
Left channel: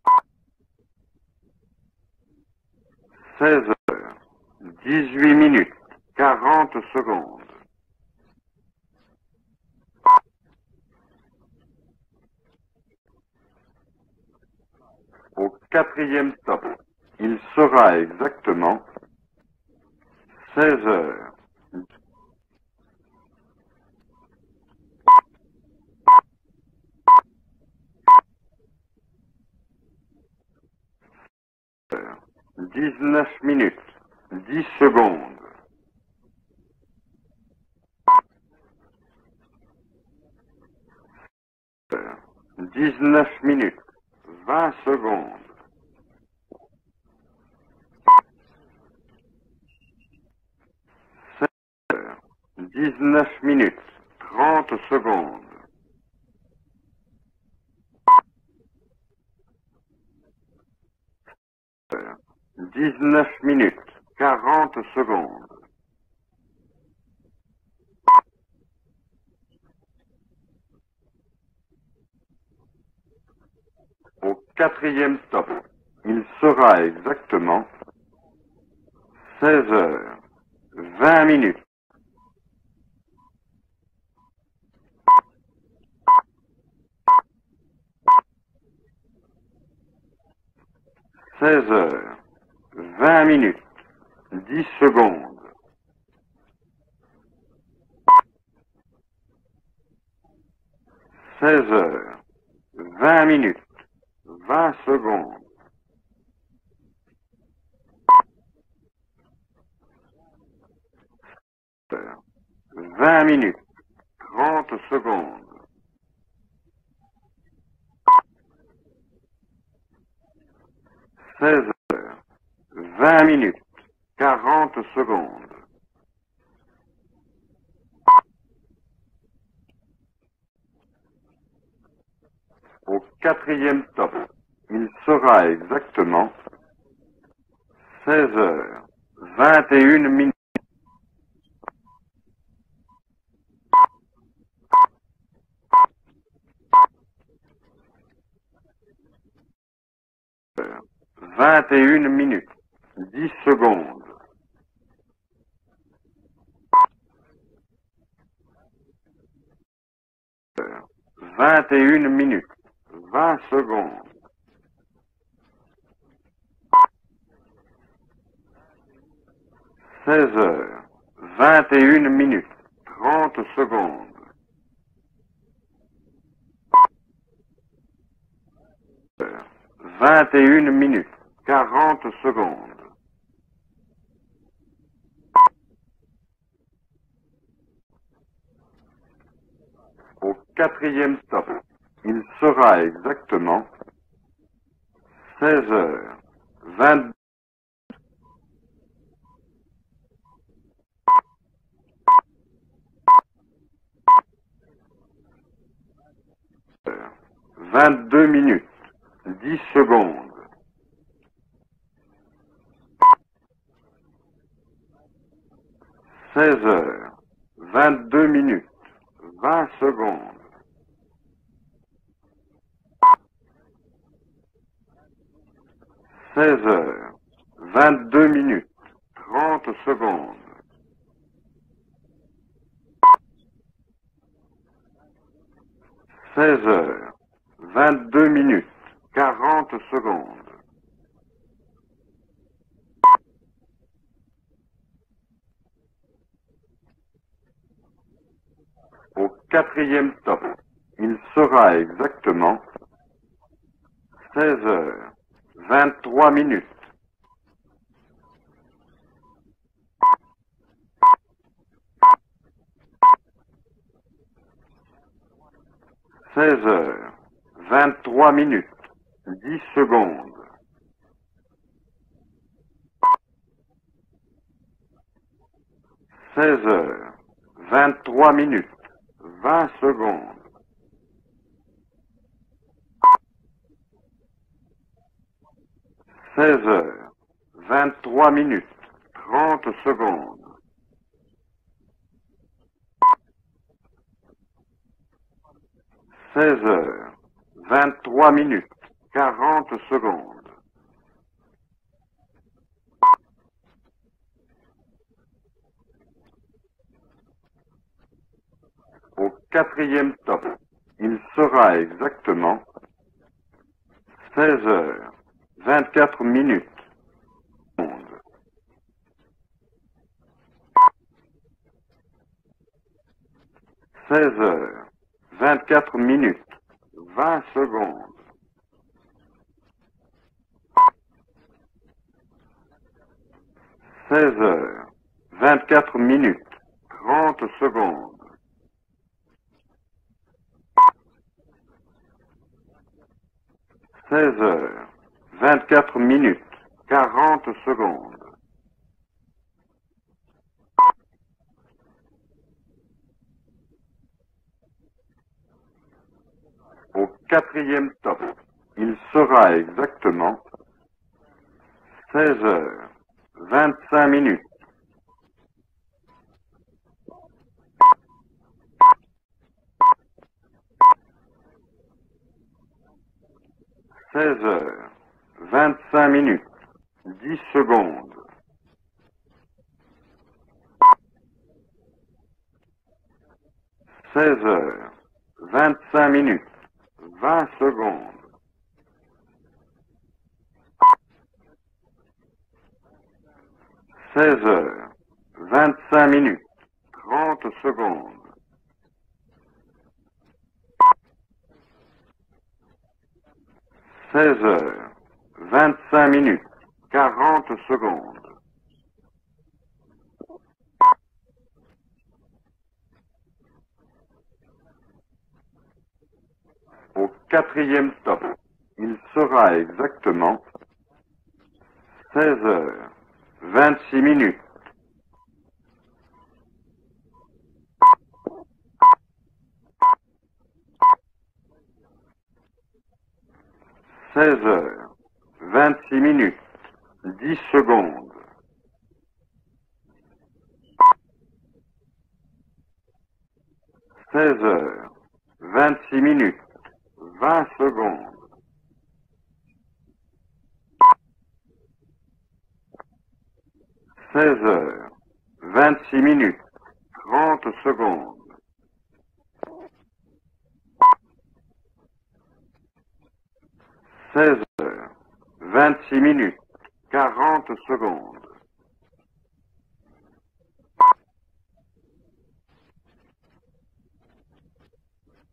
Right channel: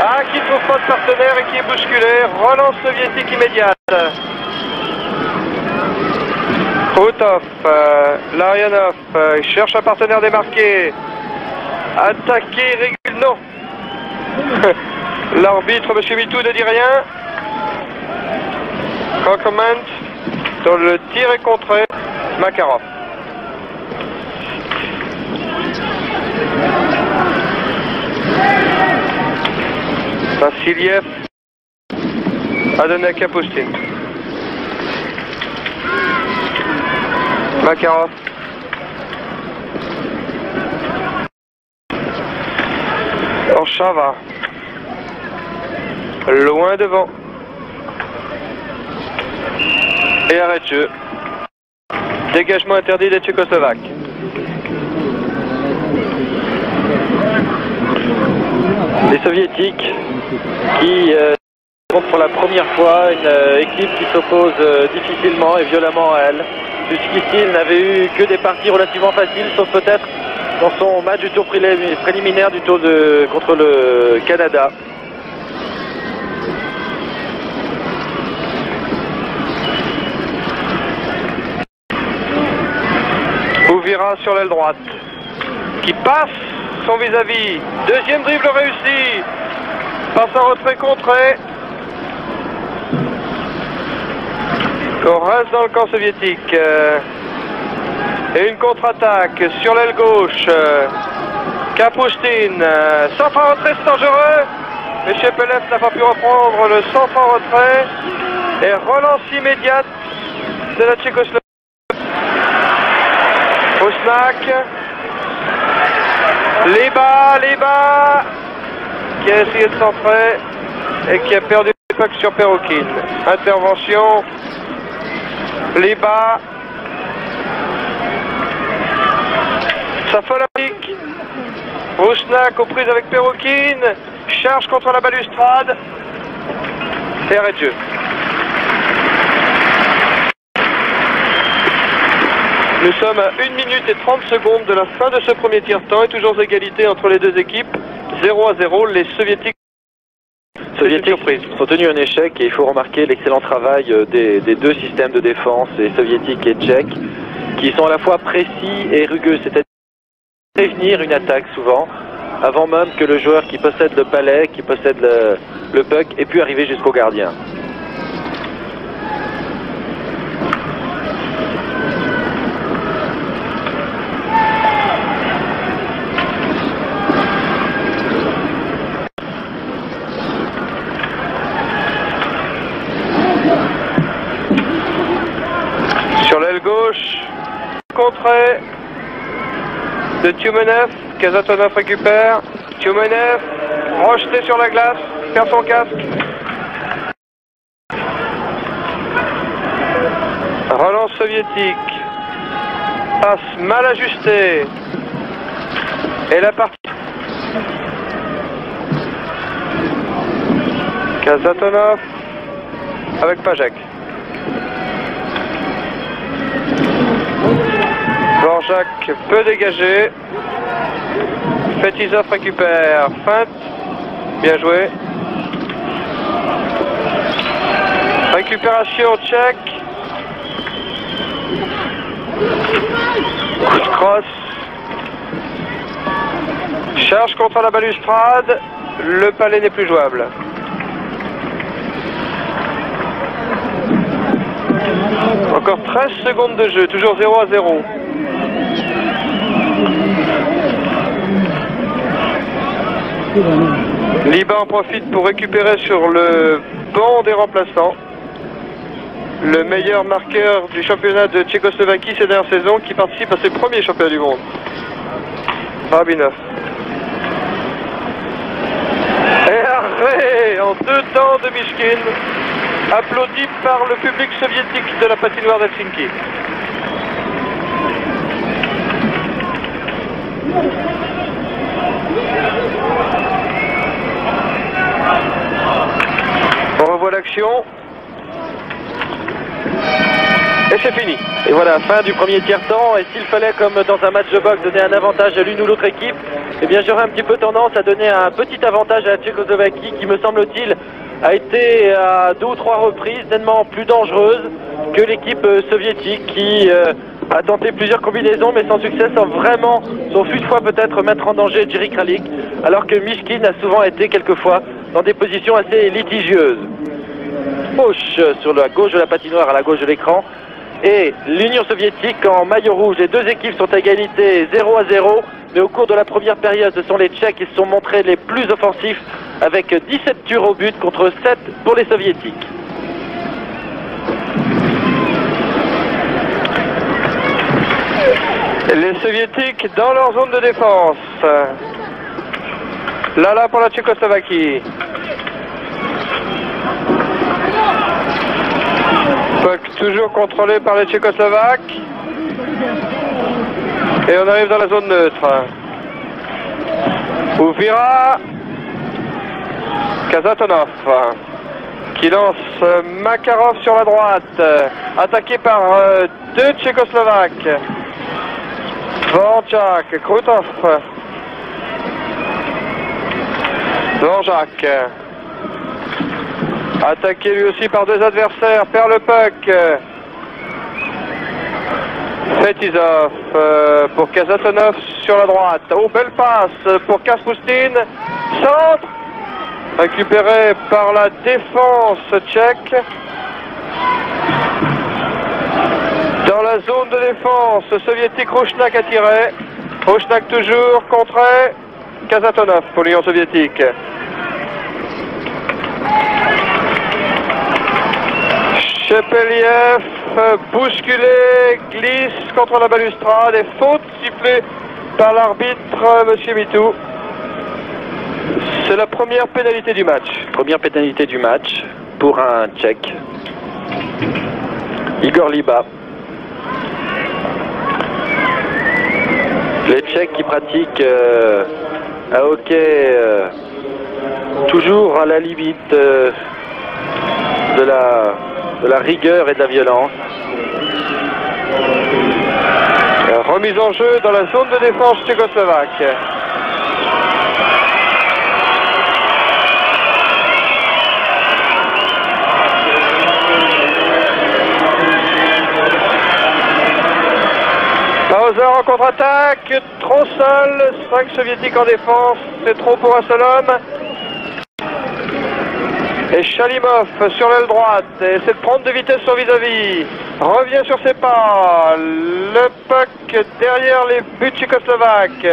Ah, qui ne trouve pas de partenaire et qui est bousculé. Relance soviétique immédiate. 18 minutes. Krutov, Larionov, il cherche un partenaire démarqué. Attaqué, régule, non. L'arbitre, M. Mitou, ne dit rien. Il sera exactement. Comment sur le tir et contré. Makarov. Vassiliev a donné à Kapustin. 10 secondes. Makarov. 19 Orchava. 20 secondes. Loin devant. Et arrêt de jeu. Dégagement interdit des Tchécoslovaques. 30 secondes. Les soviétiques qui rencontrent pour la première fois une équipe qui s'oppose difficilement et violemment à elle. Jusqu'ici, ils n'avaient eu que des parties relativement faciles, sauf peut-être dans son match du tour préliminaire du tour contre le Canada. Quatrième stop. Il sera exactement 13h20 minutes. Ouvira sur l'aile droite, qui passe son vis-à-vis. Deuxième dribble réussi. Passe en retrait contré. 13h20 minutes. On reste dans le camp soviétique. Et une contre-attaque sur l'aile gauche. Kapustin. Centre en retrait, c'est dangereux. Mais Chepelev n'a pas pu reprendre le centre en retrait. Et relance immédiate de la Tchécoslovaquie. Osnak. Leba, qui a essayé de centrer et qui a perdu le puck sur Perokhin. Intervention. Leba. Ça fait la pique. Osnak aux prises avec Perokhin. Charge contre la balustrade. Et arrêt de jeu. Nous sommes à 1 minute et 30 secondes de la fin de ce premier tiers-temps et toujours égalité entre les deux équipes. 0-0, les Soviétiques ont tenu un échec et il faut remarquer l'excellent travail des deux systèmes de défense, les soviétiques et tchèques, qui sont à la fois précis et rugueux, c'est-à-dire prévenir une attaque souvent, avant même que le joueur qui possède le palais, qui possède le puck, ait pu arriver jusqu'au gardien. 21 minutes. 21 minutes. 40 secondes. Sur l'aile gauche, contré de Tiumenev. Kazatonov récupère. Tiumenev, rejeté sur la glace, perd son casque. Relance soviétique. Passe mal ajustée. Et la partie. 22 minutes. 10 secondes. Kazatonov avec Pajek. 22 Dvorak peut dégager. Fetisov récupère. Feinte. Bien joué. 22 Récupération tchèque. Coup de crosse. Charge contre la balustrade. Le palais n'est plus jouable. Encore 13 secondes de jeu, toujours 0-0. Liban profite pour récupérer sur le banc des remplaçants le meilleur marqueur du championnat de Tchécoslovaquie ces dernières saisons, qui participe à ses premiers championnats du monde. Rabinov. 23 minutes. Et arrêt en 2 temps de Mishkin, applaudi par le public soviétique de la patinoire d'Helsinki. 23 minutes. 20 secondes. On revoit l'action. 23 minutes. Et c'est fini. Et voilà, fin du premier tiers-temps. Et s'il fallait, comme dans un match de boxe, donner un avantage à l'une ou l'autre équipe, eh bien j'aurais un petit peu tendance à donner un petit avantage à la Tchécoslovaquie, qui me semble-t-il a été à 2 ou 3 reprises nettement plus dangereuse que l'équipe soviétique, qui a tenté plusieurs combinaisons mais sans succès, sauf une fois peut-être mettre en danger Jerry Kralik, alors que Mishkin a souvent été quelquefois dans des positions assez litigieuses. Gauche sur la gauche de la patinoire, à la gauche de l'écran, et l'Union soviétique en maillot rouge. Les deux équipes sont à égalité 0-0, mais au cours de la première période, ce sont les Tchèques qui se sont montrés les plus offensifs, avec 17 tirs au but contre 7 pour les soviétiques. 24 minutes. Les soviétiques dans leur zone de défense. Là pour la Tchécoslovaquie. 24 minutes. Puck toujours contrôlé par les Tchécoslovaques. Et on arrive dans la zone neutre. Ouvira. Kazatonov qui lance Makarov sur la droite. Attaqué par 2 Tchécoslovaques. Dvorak, Krutov. Dvorak. 25 minutes. Attaqué lui aussi par deux adversaires, perd le puck. Fetisov pour Kazatonov sur la droite. Open pass pour Kapustin. Centre. Récupéré par la défense tchèque. Dans la zone de défense soviétique, Rouchnak a tiré. Rouchnak toujours contré. Kazatonov pour l'Union soviétique. 25 minutes. Chepeliev, bousculé, glisse contre la balustrade et faute sifflée par l'arbitre, Monsieur Mitou. C'est la première pénalité du match. Première pénalité du match pour un Tchèque. 26 minutes. Igor Liba. Les Tchèques qui pratiquent un hockey toujours à la limite de la rigueur et de la violence. Remise en jeu dans la zone de défense tchécoslovaque. 26 minutes. Bowser en contre-attaque, trop seul, 5 soviétiques en défense, c'est trop pour un seul homme. Et Chalimov sur l'aile droite, essaie de prendre de vitesse sur vis-à-vis, revient sur ses pas, le puck derrière les buts tchécoslovaques.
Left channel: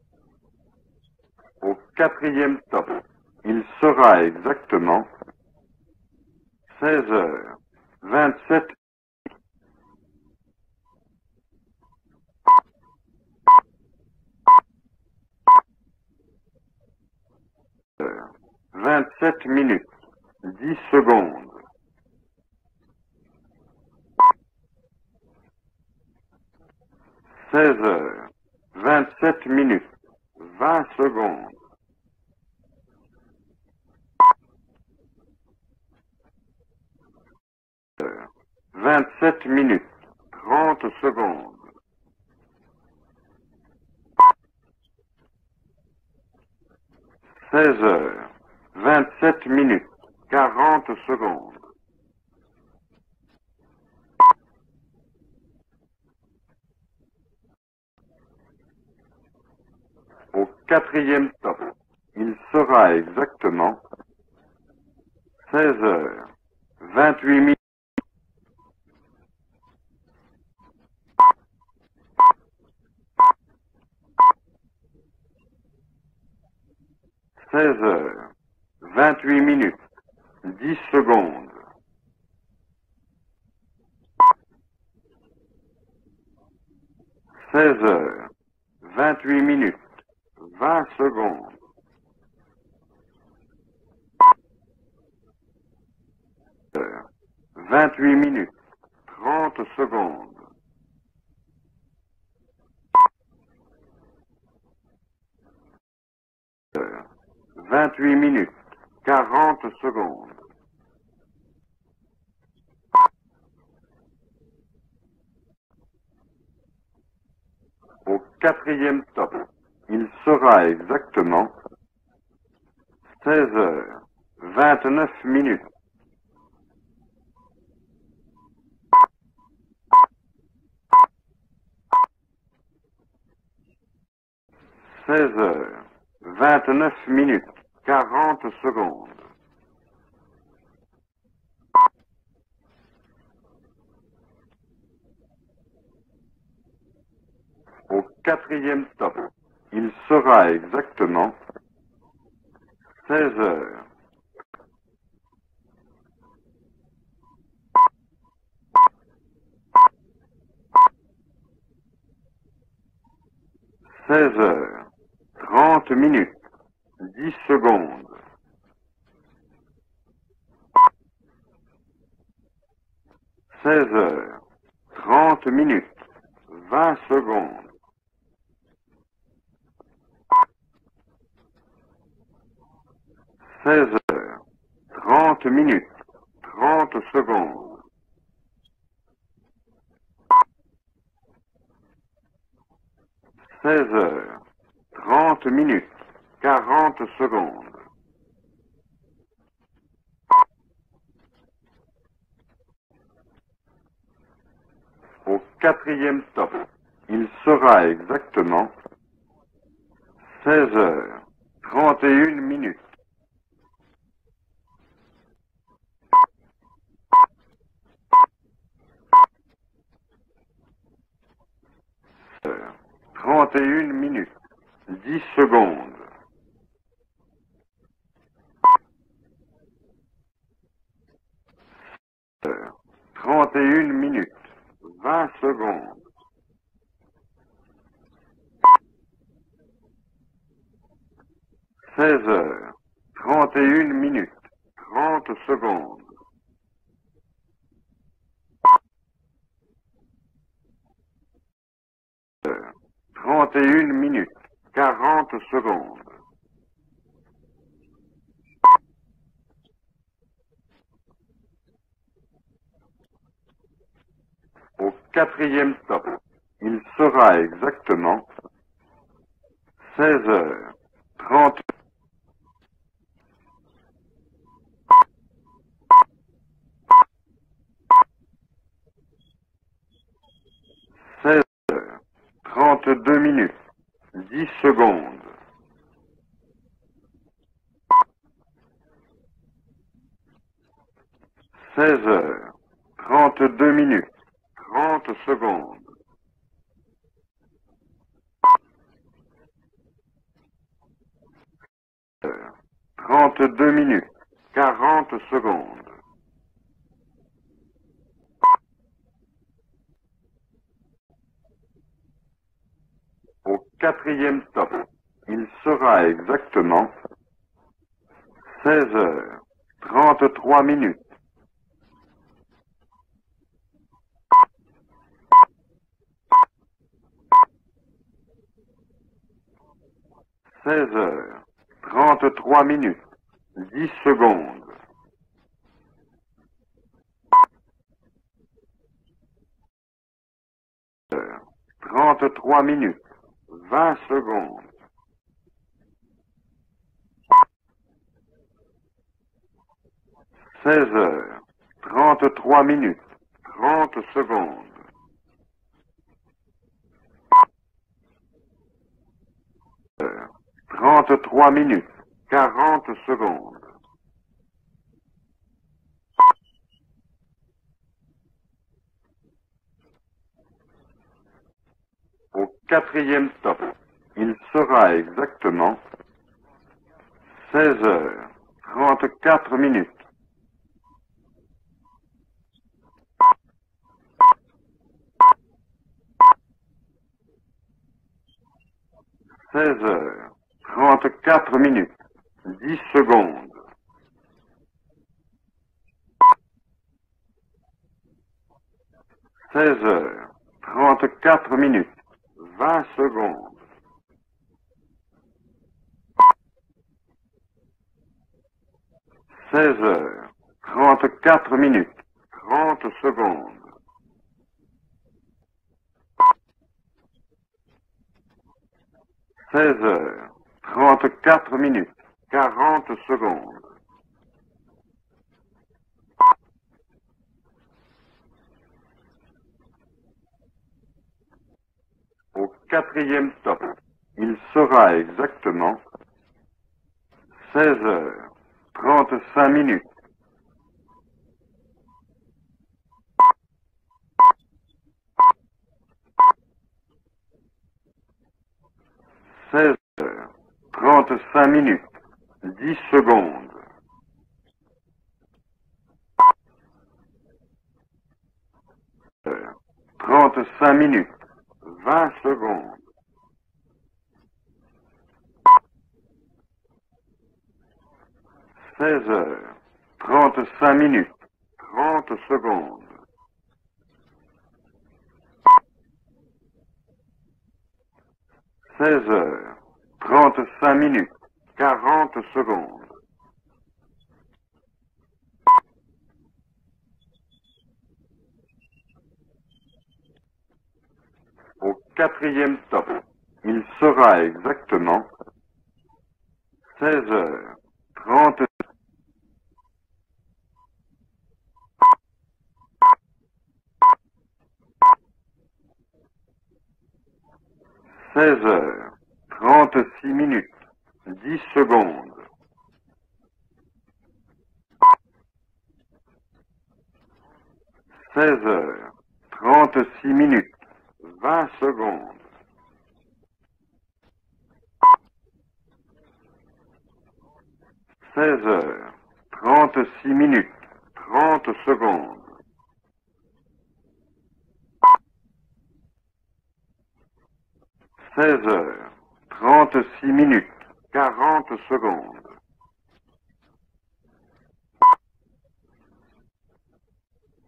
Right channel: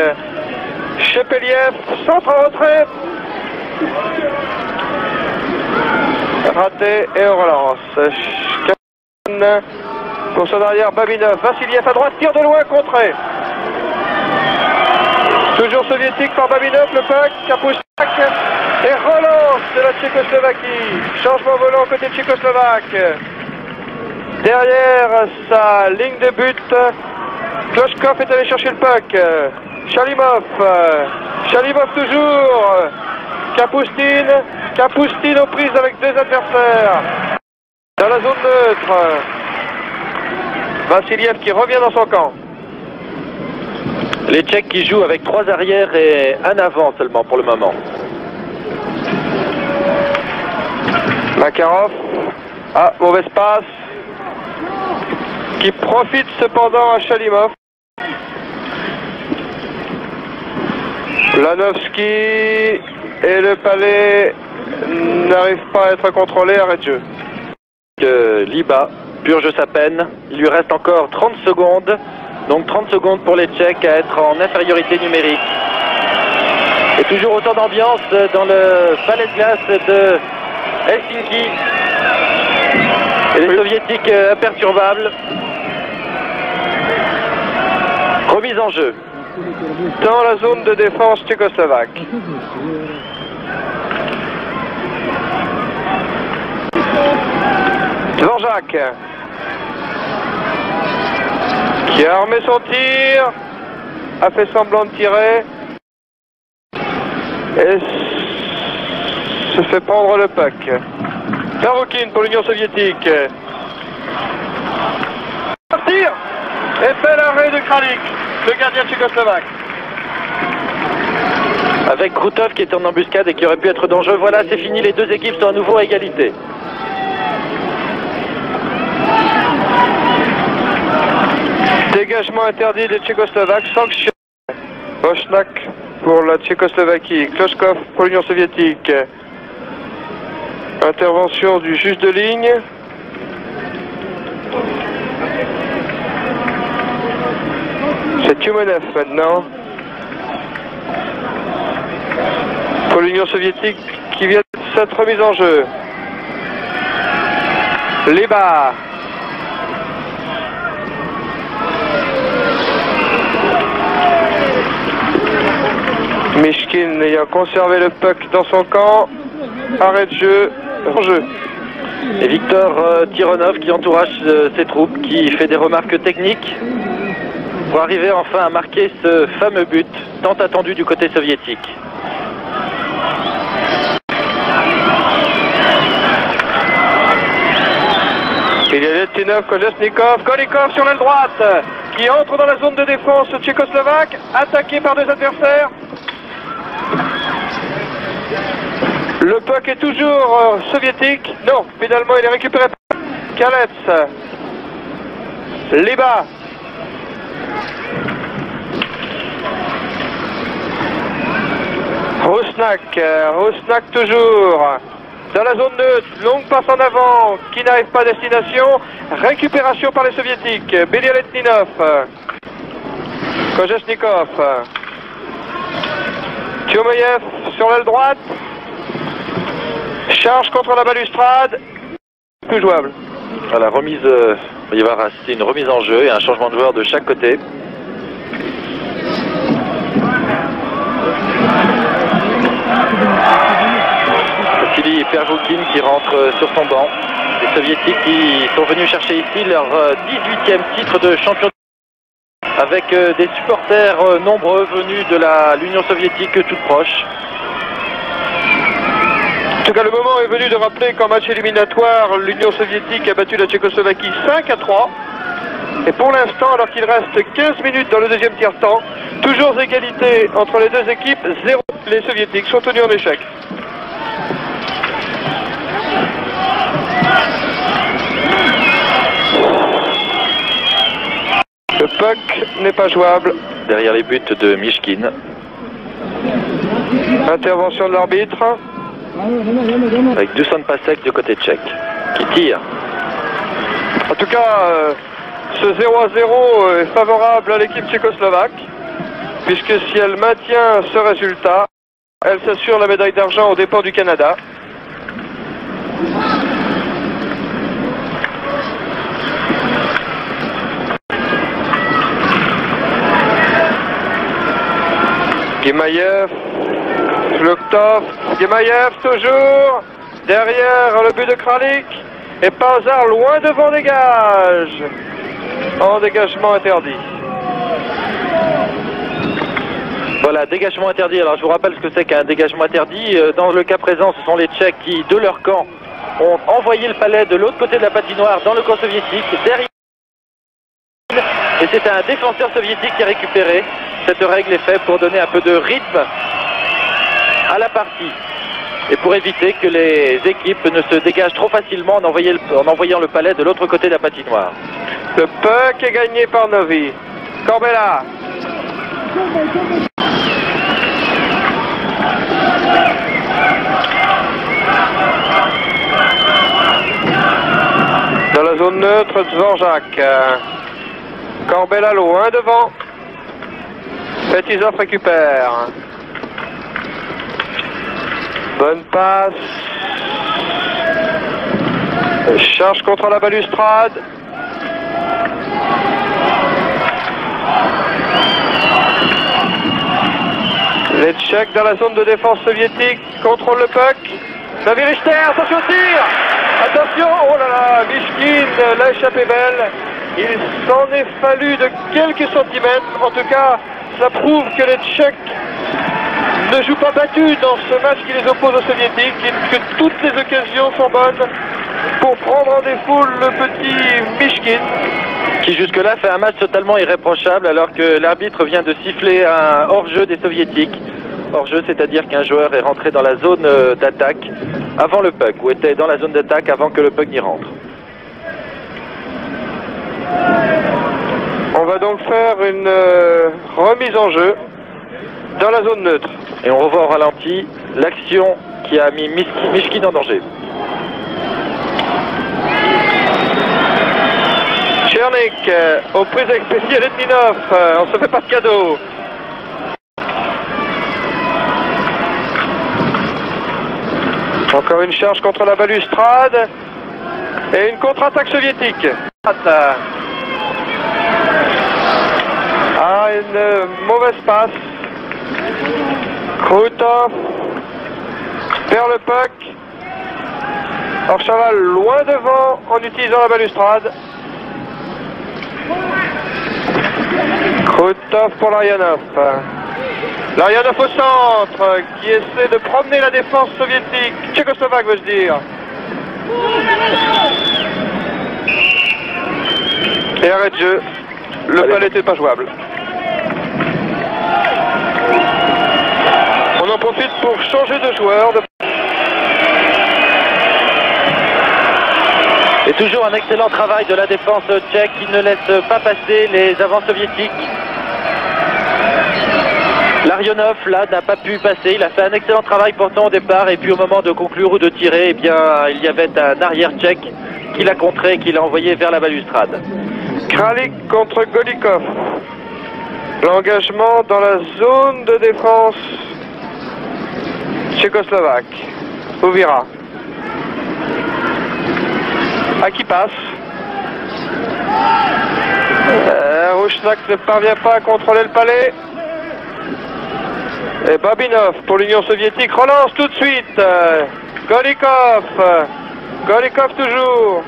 Chepeliev, centre en retrait. Raté et on relance. Pour son arrière, Babinov, Vassiliev à droite, tire de loin, contré. Toujours soviétique par Babinov, le puck, Kapustak, et relance de la Tchécoslovaquie. Changement volant côté tchécoslovaque. Derrière sa ligne de but, Kloshkov est allé chercher le puck. Chalimov, Chalimov toujours. Kapustin aux prises avec deux adversaires. Dans la zone neutre. Vassiliev qui revient dans son camp. Les Tchèques qui jouent avec 3 arrières et un avant seulement pour le moment. 27 minutes. Makarov. Ah, mauvaise passe. Qui profite cependant à Chalimov. Lanovski et le palais n'arrivent pas à être contrôlés. Arrêt de jeu. 28 minutes. Liba purge sa peine. Il lui reste encore 30 secondes. Donc 30 secondes pour les Tchèques à être en infériorité numérique. Et toujours autant d'ambiance dans le palais de glace de Helsinki. Et les Soviétiques imperturbables. Remise en jeu. 28 minutes. Dans la zone de défense tchécoslovaque. Dvorak qui a armé son tir, a fait semblant de tirer et se fait prendre le puck. Taroukin pour l'Union soviétique. Tir et bel arrêt de Kralik, le gardien tchécoslovaque. Avec Krutov qui est en embuscade et qui aurait pu être dangereux. Voilà, c'est fini, les deux équipes sont à nouveau à égalité. Dégagement interdit des Tchécoslovaques, sanction. Rouchnak pour la Tchécoslovaquie, Kloshkov pour l'Union soviétique. Intervention du juge de ligne. C'est Tumenev maintenant. Pour l'Union soviétique qui vient de s'être remise en jeu. Liba. Mishkin ayant conservé le puck dans son camp. Arrêt de jeu, en jeu. Et Victor Tironov qui entourage ses troupes, qui fait des remarques techniques pour arriver enfin à marquer ce fameux but tant attendu du côté soviétique. Il y a Letinov, Kolesnikov, Golikov sur l'aile droite qui entre dans la zone de défense tchécoslovaque, attaqué par deux adversaires. 40 secondes. Le puck est toujours soviétique. Non, finalement il est récupéré par Kalets. Liba. Il sera exactement 16h. Rusnak toujours. Dans la zone neutre, longue passe en avant, qui n'arrive pas à destination. Récupération par les soviétiques. Belialetninov. Kojesnikov. 10 secondes. Tchomayev sur l'aile droite. Charge contre la balustrade. Plus jouable. Voilà, remise, il va y avoir une remise en jeu et un changement de joueur de chaque côté. Vassili Perjoukine qui rentre sur son banc. Les soviétiques qui sont venus chercher ici leur 18e titre de champion avec des supporters nombreux venus de l'Union soviétique toute proche. En tout cas, le moment est venu de rappeler qu'en match éliminatoire, l'Union soviétique a battu la Tchécoslovaquie 5-3. Et pour l'instant, alors qu'il reste 15 minutes dans le deuxième tiers-temps, toujours égalité entre les deux équipes, 0. Les soviétiques sont tenus en échec. Le puck n'est pas jouable. Derrière les buts de Mishkin. Intervention de l'arbitre. Avec Dusan Pasek du côté tchèque, qui tire. En tout cas, ce 0-0 est favorable à l'équipe tchécoslovaque, puisque si elle maintient ce résultat, elle s'assure la médaille d'argent aux dépens du Canada. 40 secondes. Gemaïev, Vloktov, Gemaïev toujours, derrière le but de Kralik, et par hasard loin devant dégage, en dégagement interdit. Voilà, dégagement interdit. Alors je vous rappelle ce que c'est qu'un dégagement interdit. Dans le cas présent, ce sont les Tchèques qui, de leur camp, ont envoyé le palais de l'autre côté de la patinoire dans le camp soviétique, derrière. Et c'est un défenseur soviétique qui a récupéré. Cette règle est faite pour donner un peu de rythme à la partie et pour éviter que les équipes ne se dégagent trop facilement en envoyant le palais de l'autre côté de la patinoire. Le puck est gagné par Novi. Corbella. 33 minutes. Dans la zone neutre, Dvorak. Corbella loin devant. Quatrième stop. Petitov récupère. 16h. Bonne passe. 4 minutes. Charge contre la balustrade. Les Tchèques dans la zone de défense soviétique contrôlent le puck. Navi Richter, attention au tir. Attention, oh là là, Mishkin l'a échappé belle. Il s'en est fallu de quelques centimètres. En tout cas, ça prouve que les Tchèques ne jouent pas battus dans ce match qui les oppose aux Soviétiques, et que toutes les occasions sont bonnes pour prendre en défaut le petit Mishkin. Qui jusque-là fait un match totalement irréprochable alors que l'arbitre vient de siffler un hors-jeu des soviétiques. Hors-jeu, c'est-à-dire qu'un joueur est rentré dans la zone d'attaque avant le puck, ou était dans la zone d'attaque avant que le puck n'y rentre. On va donc faire une remise en jeu dans la zone neutre. Et on revoit au ralenti l'action qui a mis Mishkin en danger. Chernik, aux prises avec Belialetninov, on se fait pas de cadeau. 35 minutes. Secondes. Encore une charge contre la balustrade et une contre-attaque soviétique. 35 minutes. Ah, une mauvaise passe. Krutov perd le puck. 35 minutes. Orchaval loin devant en utilisant la balustrade. Krutov pour Larionov. Larionov au centre qui essaie de promener la défense soviétique. Tchécoslovaque, veux-je dire. Et arrêt de jeu. Le palais n'était pas jouable. On en profite pour changer de joueur. Et toujours un excellent travail de la défense tchèque qui ne laisse pas passer les avants soviétiques. Larionov, là, n'a pas pu passer. Il a fait un excellent travail pourtant au départ. Et puis au moment de conclure ou de tirer, eh bien, il y avait un arrière tchèque qui l'a contré, qui l'a envoyé vers la balustrade. Kralik contre Golikov. L'engagement dans la zone de défense tchécoslovaque. Ouvira. À qui passe. Rouchnak ne parvient pas à contrôler le palais. Et Babinov pour l'Union soviétique relance tout de suite. Golikov. Golikov toujours.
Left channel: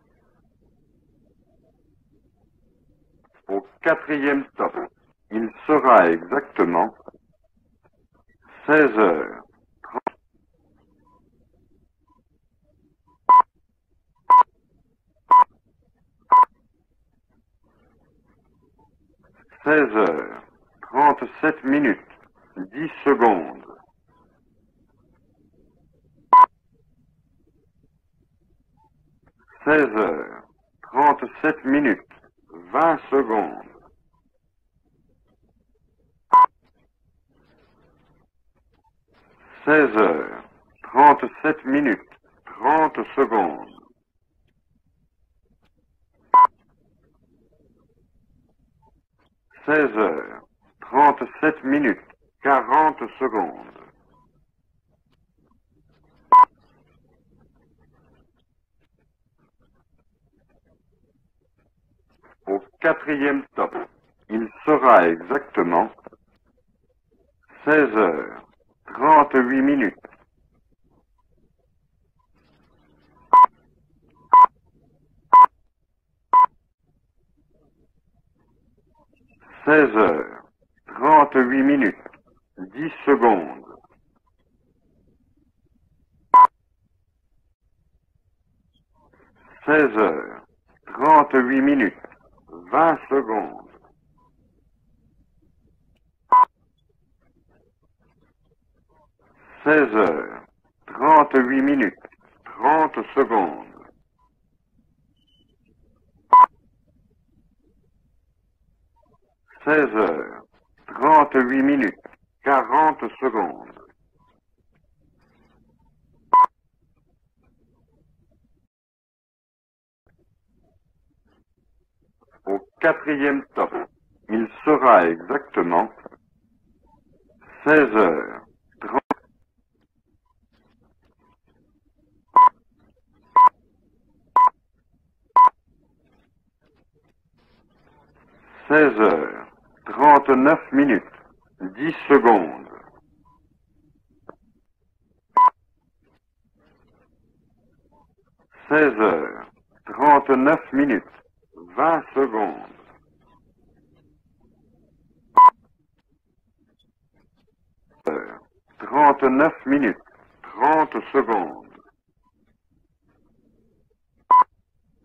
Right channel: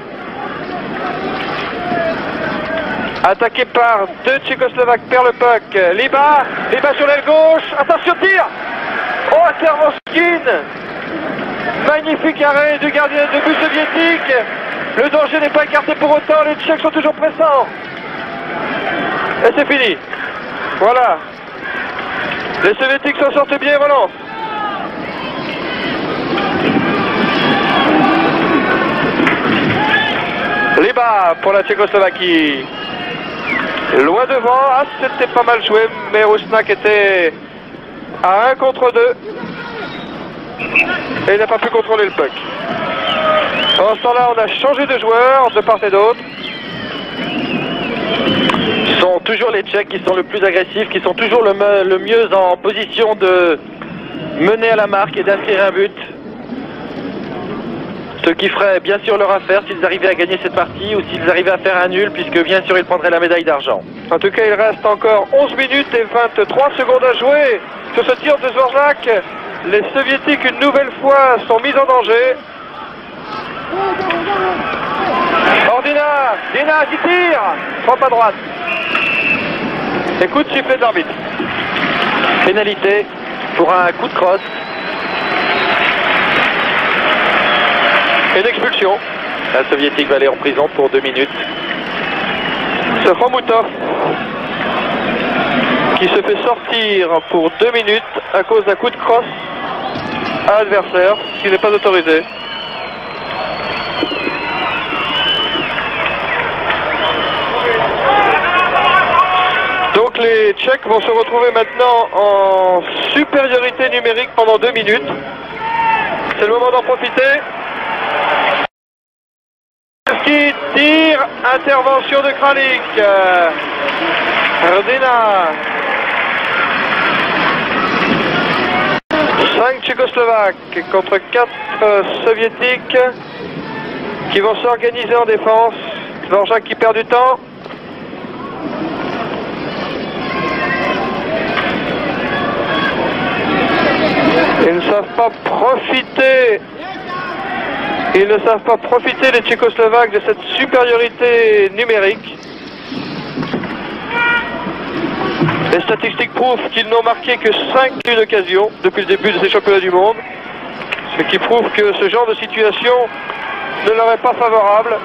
Attaqué par deux Tchécoslovaques, perd le puck. Liba sur l'aile gauche. Attention, tir. Oh, Servoskin. Magnifique arrêt du gardien de but soviétique. Le danger n'est pas écarté pour autant. Les Tchèques sont toujours pressants. Et c'est fini. Voilà. Les Soviétiques s'en sortent bien et relancent. Liba pour la Tchécoslovaquie. Loin devant. Ah, c'était pas mal joué, mais Rouchnak était à 1 contre 2. Et il n'a pas pu contrôler le puck. En ce temps-là, on a changé de joueur de part et d'autre. Ce sont toujours les Tchèques qui sont le plus agressifs, qui sont toujours le mieux en position de mener à la marque et d'inscrire un but. Ce qui ferait bien sûr leur affaire s'ils arrivaient à gagner cette partie ou s'ils arrivaient à faire un nul, puisque bien sûr ils prendraient la médaille d'argent. En tout cas, il reste encore 11 minutes et 23 secondes à jouer sur ce tir de Dvorak. Les Soviétiques, une nouvelle fois, sont mis en danger. Ordina, Dina qui tire, frappe à droite. Écoute, sifflet de l'arbitre. Pénalité pour un coup de crosse. Et d'expulsion. La soviétique va aller en prison pour 2 minutes. C'est Fomoutov qui se fait sortir pour 2 minutes à cause d'un coup de crosse à l'adversaire, ce qui n'est pas autorisé. Donc les Tchèques vont se retrouver maintenant en supériorité numérique pendant 2 minutes. C'est le moment d'en profiter. Qui tire, intervention de Kralik. Rodina. 5 Tchécoslovaques contre 4 Soviétiques qui vont s'organiser en défense. Dvorak qui perd du temps. Ils ne savent pas profiter. Ils ne savent pas profiter, les Tchécoslovaques, de cette supériorité numérique. Les statistiques prouvent qu'ils n'ont marqué que 5 occasions depuis le début de ces championnats du monde. Ce qui prouve que ce genre de situation ne leur est pas favorable.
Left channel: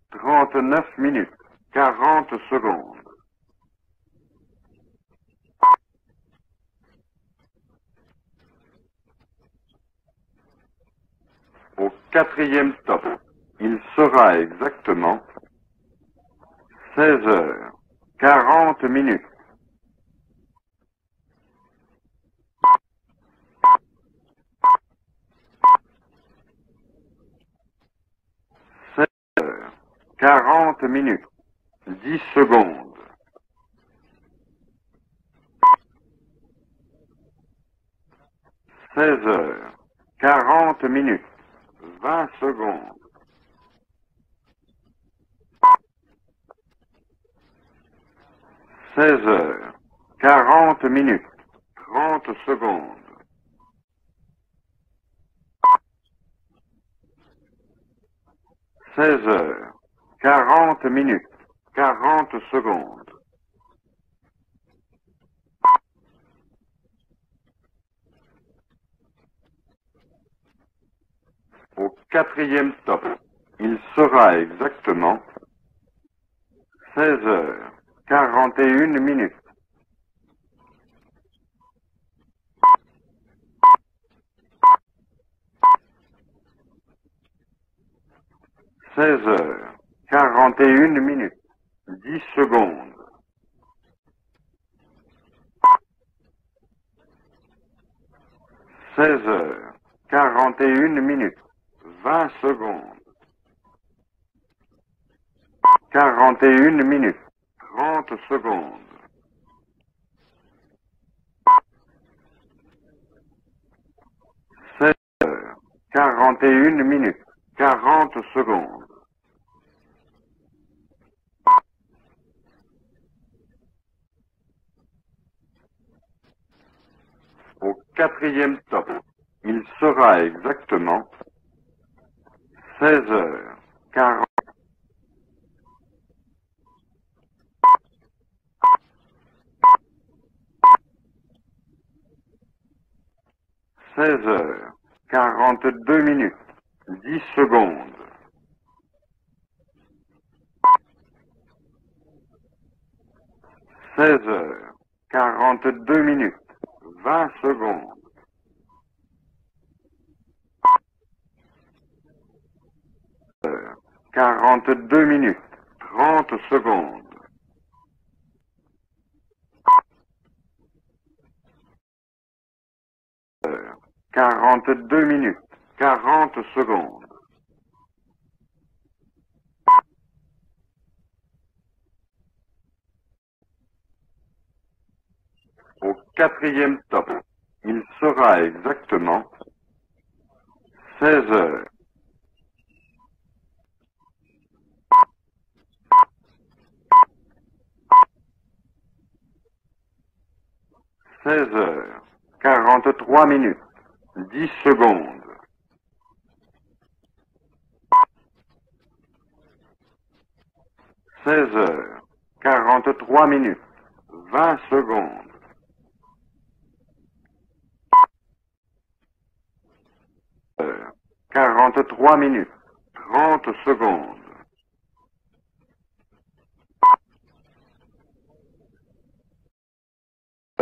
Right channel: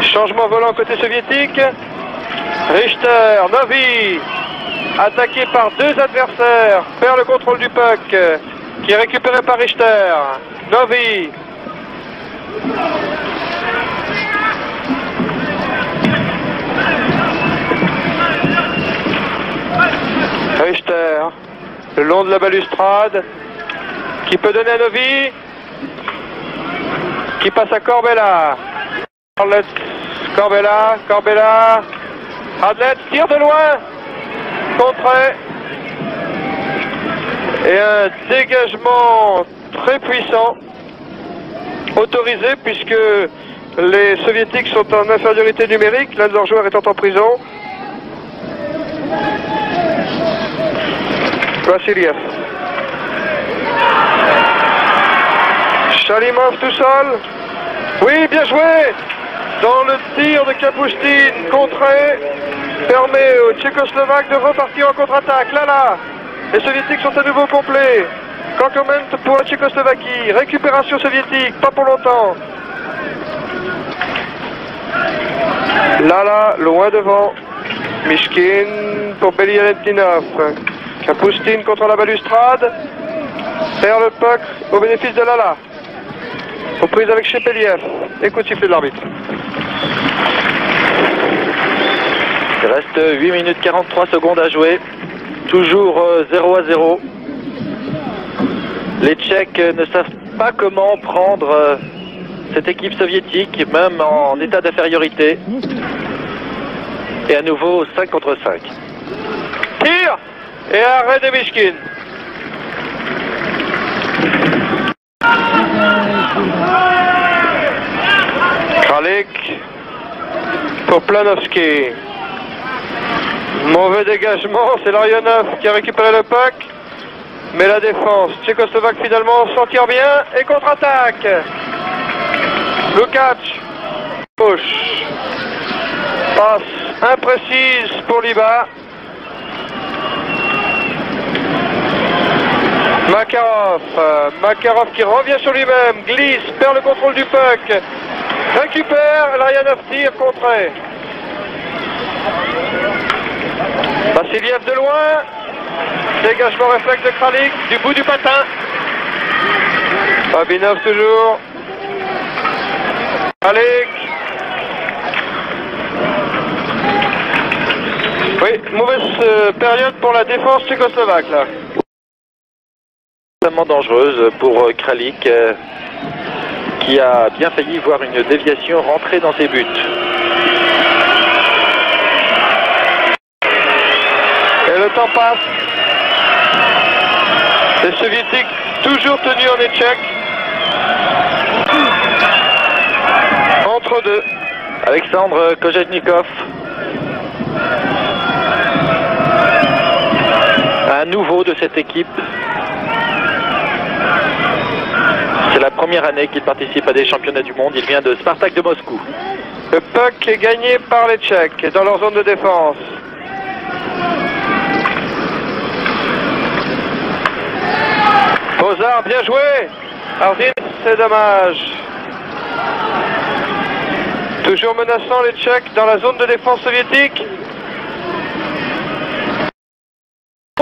Changement volant côté soviétique. Richter, Novi, attaqué par 2 adversaires, perd le contrôle du puck, qui est récupéré par Richter. Novi. Au 4e temps. Il sera exactement 40 minutes. Richter, le long de la balustrade, qui peut donner à Novi, qui passe à Corbella. Corbella, Adlet tire de loin, contré, et un dégagement très puissant, autorisé puisque les Soviétiques sont en infériorité numérique, l'un de leurs joueurs étant en prison. 40 minutes. Vassiliev. Chalimov tout seul. Oui, bien joué. Dans le tir de Kapustin, contré, permet aux Tchécoslovaques de repartir en contre-attaque. Là, les Soviétiques sont à nouveau complets. Compliment pour la Tchécoslovaquie. Récupération soviétique, pas pour longtemps. sera exactement Lala, loin devant. 16h41 Mishkin minutes. pour Belialetdinov. Kapustin contre la balustrade. Perd le puck au bénéfice de Lala. Reprise avec Shepeliev. Écoute sifflet de l'arbitre. 16h41 Il secondes. reste 8 minutes 43 secondes à jouer. Toujours 0-0. Les Tchèques ne savent pas comment prendre cette équipe soviétique, même en état d'infériorité. 41 minutes. Et à nouveau 5 contre 5. Tir et arrêt de Mishkin. 41 minutes. 40 secondes. Kralik pour Planovski. Mauvais dégagement, c'est Larionov qui a récupéré le puck. Mais la défense tchécoslovaque finalement s'en tire bien et contre-attaque. Lukács, gauche. Passe imprécise pour Liba. Makarov. Makarov qui revient sur lui-même, glisse, perd le contrôle du puck. Récupère, Larionov tire, contré. Vassiliev de loin. 42 minutes. Dégagement réflexe de Kralik du bout du patin. Babinov toujours. Kralik. 42 minutes. 30 secondes. Oui, mauvaise période pour la défense tchécoslovaque là. Extrêmement dangereuse pour Kralik 40 secondes. qui a bien failli voir une déviation rentrer dans ses buts. Et le temps passe. Quatrième. Les soviétiques toujours tenus en échec. 16h. Entre deux. Alexandre Kojetnikov. Un nouveau de cette équipe. 43 minutes. Secondes. C'est la première année qu'il participe à des championnats du monde. Il vient de Spartak de Moscou. Le puck est gagné par les Tchèques dans leur zone de défense. 43 minutes. 20 secondes. Bozard, bien joué. Ardin, c'est dommage. 43 minutes. 30 secondes. Toujours menaçant les Tchèques dans la zone de défense soviétique.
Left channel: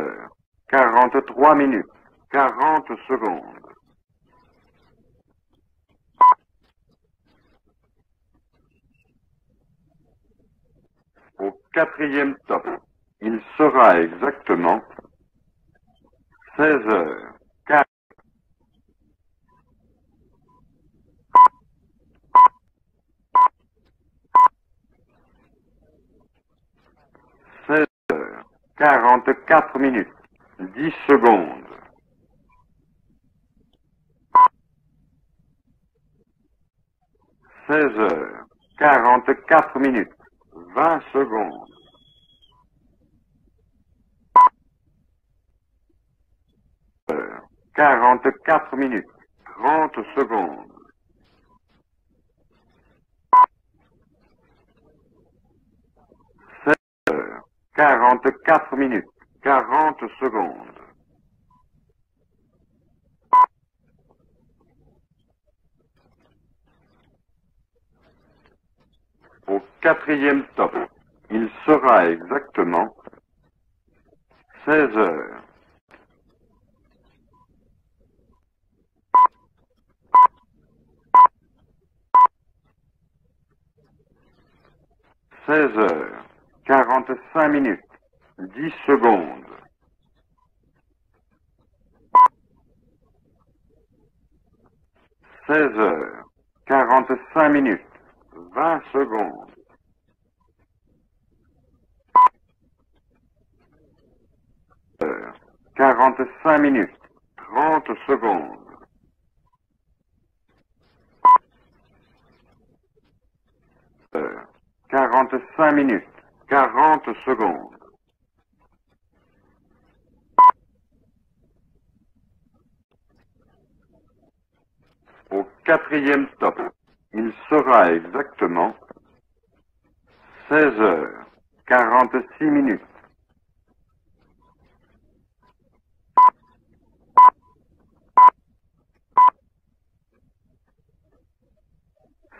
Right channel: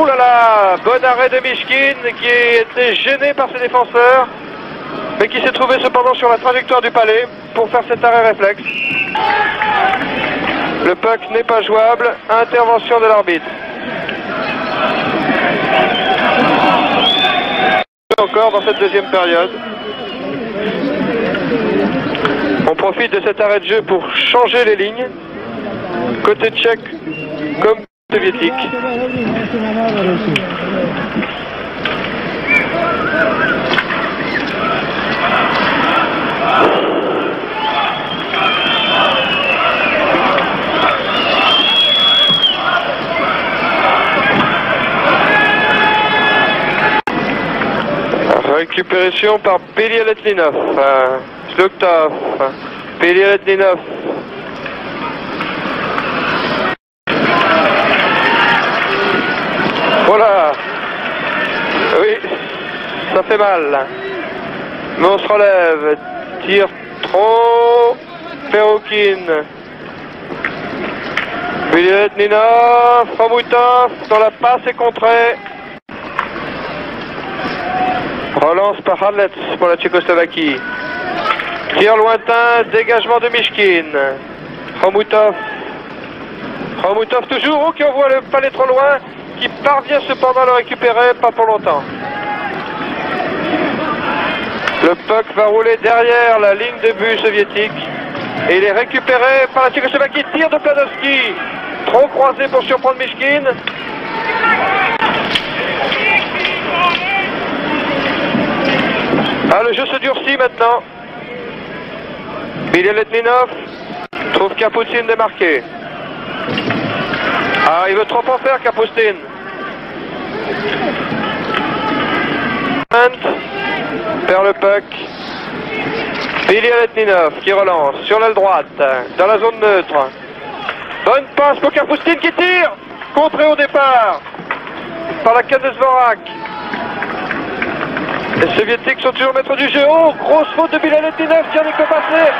Oh là là, bon arrêt de Mishkin qui était gêné par ses défenseurs, mais qui s'est trouvé cependant sur la trajectoire du palais pour faire cet arrêt réflexe. Le puck n'est pas jouable, intervention de l'arbitre. Sera exactement. Encore dans cette deuxième période. On profite de cet arrêt de jeu pour changer les lignes. Côté tchèque comme soviétique. 44 minutes. Secondes. Récupération par Belialetdinov. Sluktov. Belialetdinov. Voilà. Oui, ça fait mal. Mais on se relève. Tire trop. Perrokin. Au quatrième temps. Belialetdinov. Khomutov. Dans la passe et contrée. Relance par Hadlets pour la Tchécoslovaquie. Tir lointain, dégagement de Mishkin. Khomutov. 16h. Khomutov toujours, qui envoie le palais trop loin, qui parvient cependant à le récupérer, pas pour longtemps. Le puck va rouler derrière la ligne de but soviétique. Et il est récupéré par la Tchécoslovaquie. Tir de Planovski. Trop croisé pour surprendre Mishkin. 45 minutes. Ah, le jeu se durcit maintenant. Belialetdinov trouve Kapustin démarqué. 45 minutes. 40 secondes. Ah, il veut trop en faire, Kapustin. Perd le puck. Quatrième temps. Belialetdinov qui relance sur l'aile droite, dans la zone neutre. 16h. Bonne passe pour Kapustin qui tire. Contré au départ par la canne de Zvorak. Les soviétiques sont toujours maîtres du jeu. Oh, grosse faute de Bilaletdinov, Tchernik peut passer.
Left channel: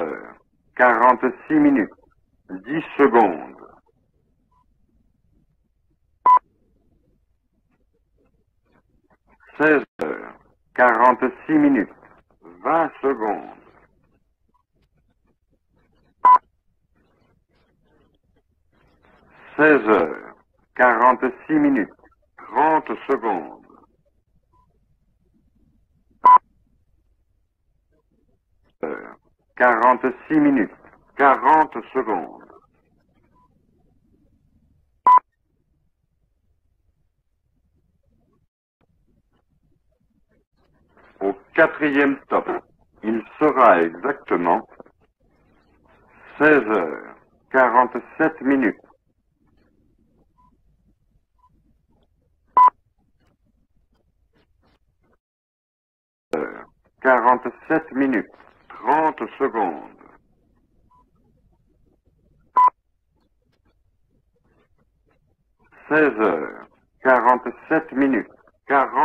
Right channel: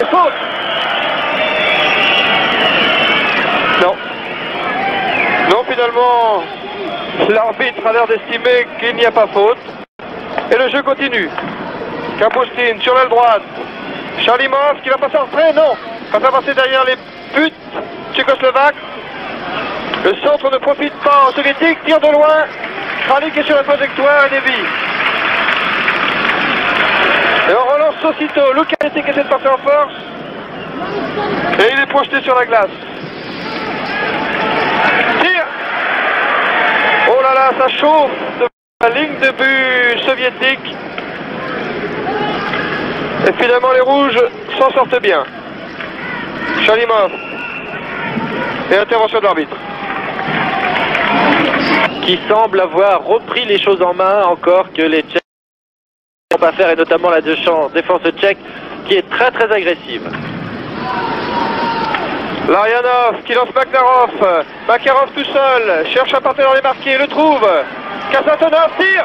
Et faute. 46 minutes. 10 secondes. Non. Non, finalement, l'arbitre a l'air d'estimer qu'il n'y a pas faute. 16, Et le jeu continue. 46 minutes. Kapustin sur l'aile droite. Chalimov qui va passer en retrait, non. Va faire passer derrière les buts tchécoslovaques. 16, Le centre ne profite pas aux soviétiques, tire de loin. 30 Kralik est sur la trajectoire et dévie. Et on relance aussitôt. Lukasevic essaie de passer en force. 46 minutes. Et il est projeté sur la glace. Tire. Oh là là, ça chauffe devant la ligne de but soviétique. Quatrième Et finalement les rouges s'en sortent bien. Chalimov. 47 minutes. Et intervention de l'arbitre. Qui semble avoir repris les choses en main encore que les Tchèques n'ont pas faire, et notamment la défense tchèque qui est très très agressive. Larionov qui lance Makarov. Makarov tout seul. Cherche un partenaire les marquer. Le trouve. Kasatonov tire.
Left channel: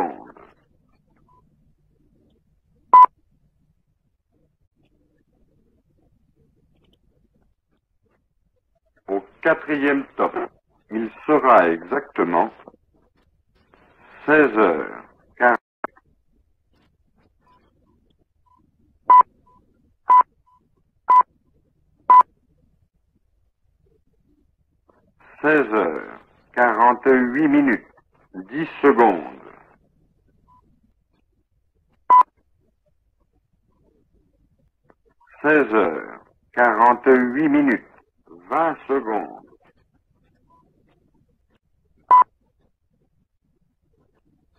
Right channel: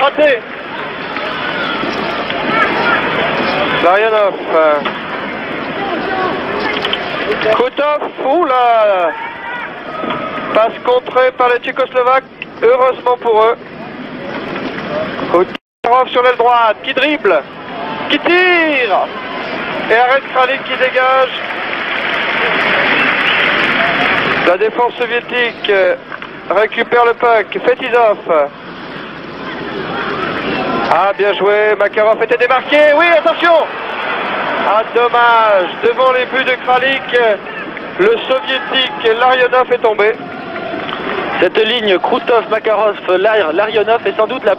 Raté. Larionov. Kotov. Oula. Quatrième sortie. Passe contrée par les Tchécoslovaques. Heureusement pour eux. 16, Makarov sur l'aile droite. Qui dribble. Qui tire. Et arrête Kralik qui dégage. La défense soviétique récupère le puck. Fetizov. 10 secondes. Ah, bien joué. Makarov était démarqué. Oui, attention. Ah, dommage. 16, Devant les buts de Kralik, 48 minutes. le soviétique Larionov est tombé. Cette ligne Krutov, Makarov, Larionov est sans doute la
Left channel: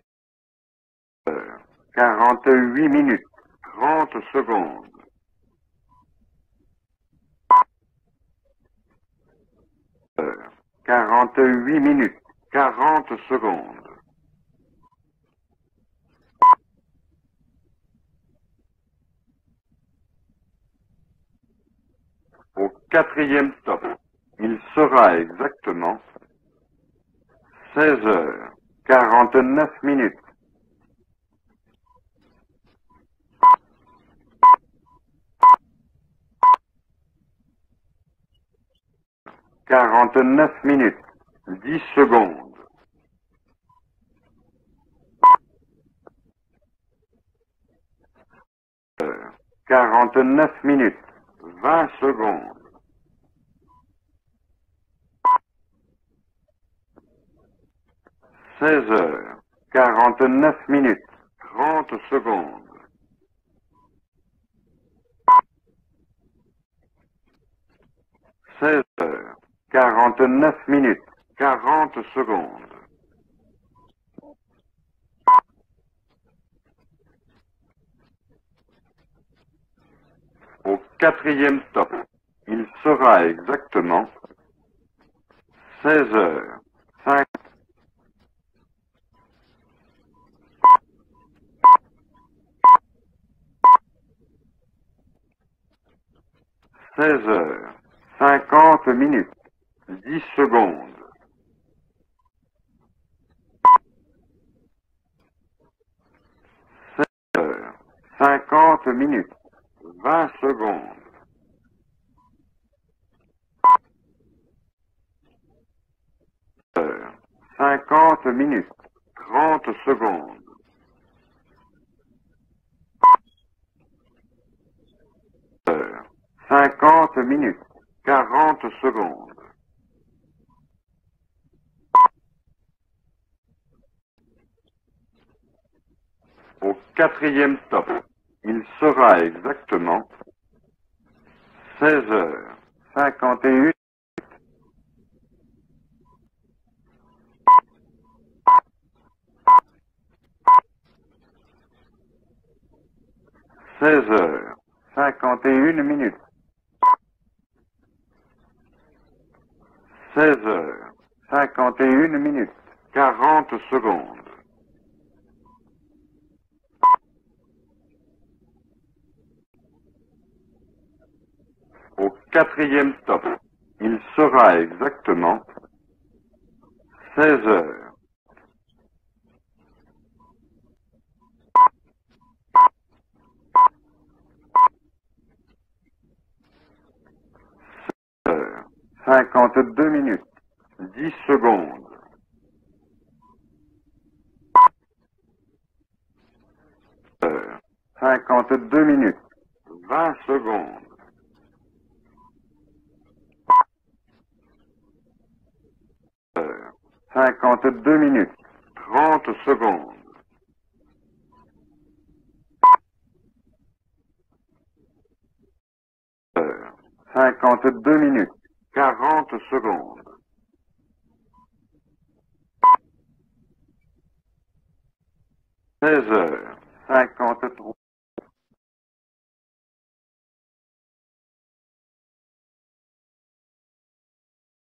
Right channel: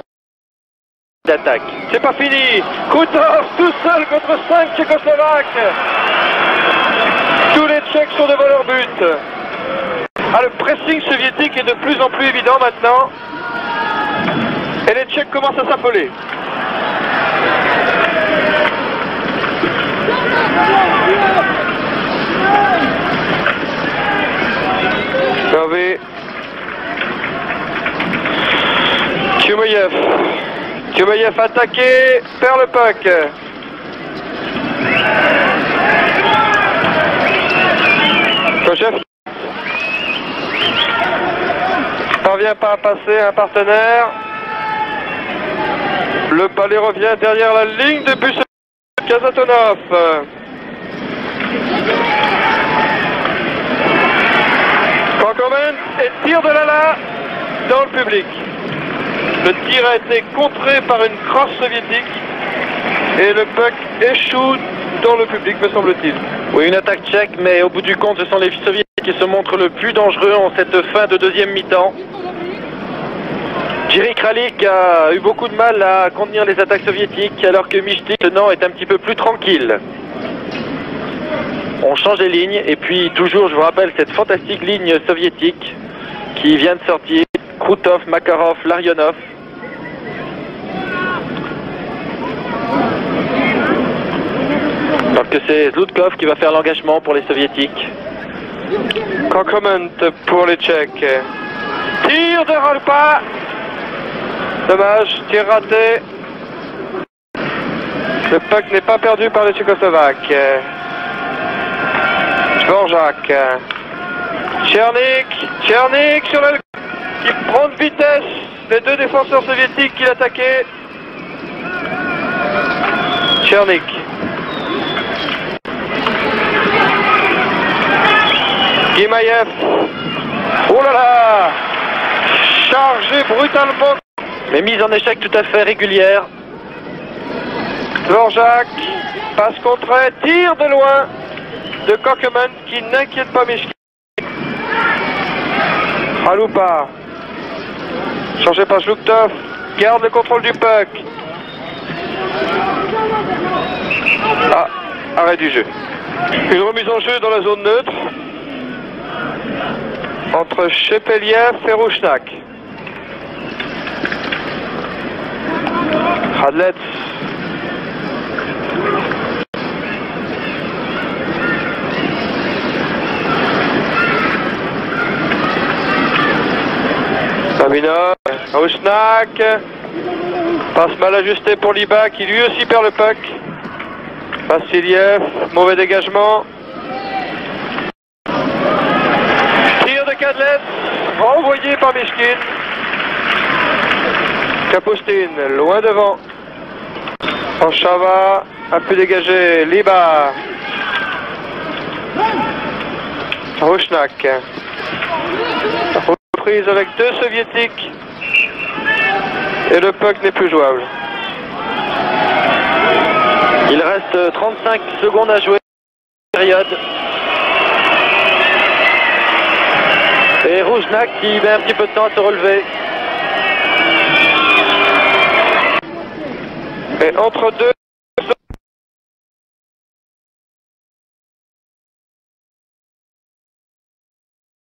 d'attaque. C'est pas fini. Krutov tout seul contre 5 Tchécoslovaques. Tous les Tchèques sont devant leur but. Ah, le pressing soviétique est de plus en plus évident maintenant. 40 secondes. Et les Tchèques commencent à s'affoler. Quatrième sortie. Hervé, 16, 49 Tchoumaïev. minutes. Tchoumaïev attaqué, perd le puck. Kochev 49 minutes. 10 secondes. parvient pas à passer un partenaire. Le balai revient derrière la ligne de but. Kasatonov. 49 minutes. Kankomen et tir de Lala dans le public. 16, Le tir a été 49 contré minutes. par une crosse soviétique et le puck échoue dans le public, me semble-t-il. Oui, une attaque tchèque, mais au bout du compte, ce sont les soviétiques qui se montrent le plus dangereux en cette fin de deuxième mi-temps. 40 secondes. Jiri Kralik a eu beaucoup de mal à contenir les attaques soviétiques, alors que Mishtik, maintenant, est un petit peu plus tranquille. Quatrième sortie. On change les lignes, et puis toujours, je vous rappelle, cette fantastique ligne soviétique 16, qui vient de sortir. Krutov, Makarov, Larionov. Alors que c'est Zlutkov qui va faire l'engagement pour les soviétiques. 50 minutes. Kankomen pour les Tchèques. Tir de Ralpa. Dommage, tir raté. Le puck n'est pas perdu par les Tchécoslovaques. Dvorak. Tchernik sur le qui prend de vitesse les deux défenseurs soviétiques qui l'attaquaient. Tchernik. 50 minutes. Guimaïev. Oh là là. Chargé brutalement. Mais mise en échec tout à fait régulière. Au quatrième sortie. Dvorak. Passe contrée. Tir de loin de 16, Kankomen qui n'inquiète pas Mishtik. Haloupa. Changé par Zluktov. Garde le contrôle du puck. 16, Ah, arrêt du jeu. 51 minutes. Une remise en jeu dans la zone neutre 16, entre Shepeliev et 51 Rouchnak. minutes. 40 secondes. Radlets. Quatrième sortie. Serai, exactement. 16, Sabinov. Rouchnak. Passe mal ajusté pour Liba qui lui aussi perd le puck. Vassiliev, mauvais dégagement. Tir de Kadlec, renvoyé par Mishkin. Kapustin, loin devant. Panchava, a pu dégager. Liba. Rouchnak. Reprise avec deux soviétiques. 2 minutes. Et le puck n'est plus jouable. Il reste 35 secondes à jouer. Période. 52 minutes. Et Rougenac qui met un petit peu de temps à se relever. 16 heures. Et entre deux,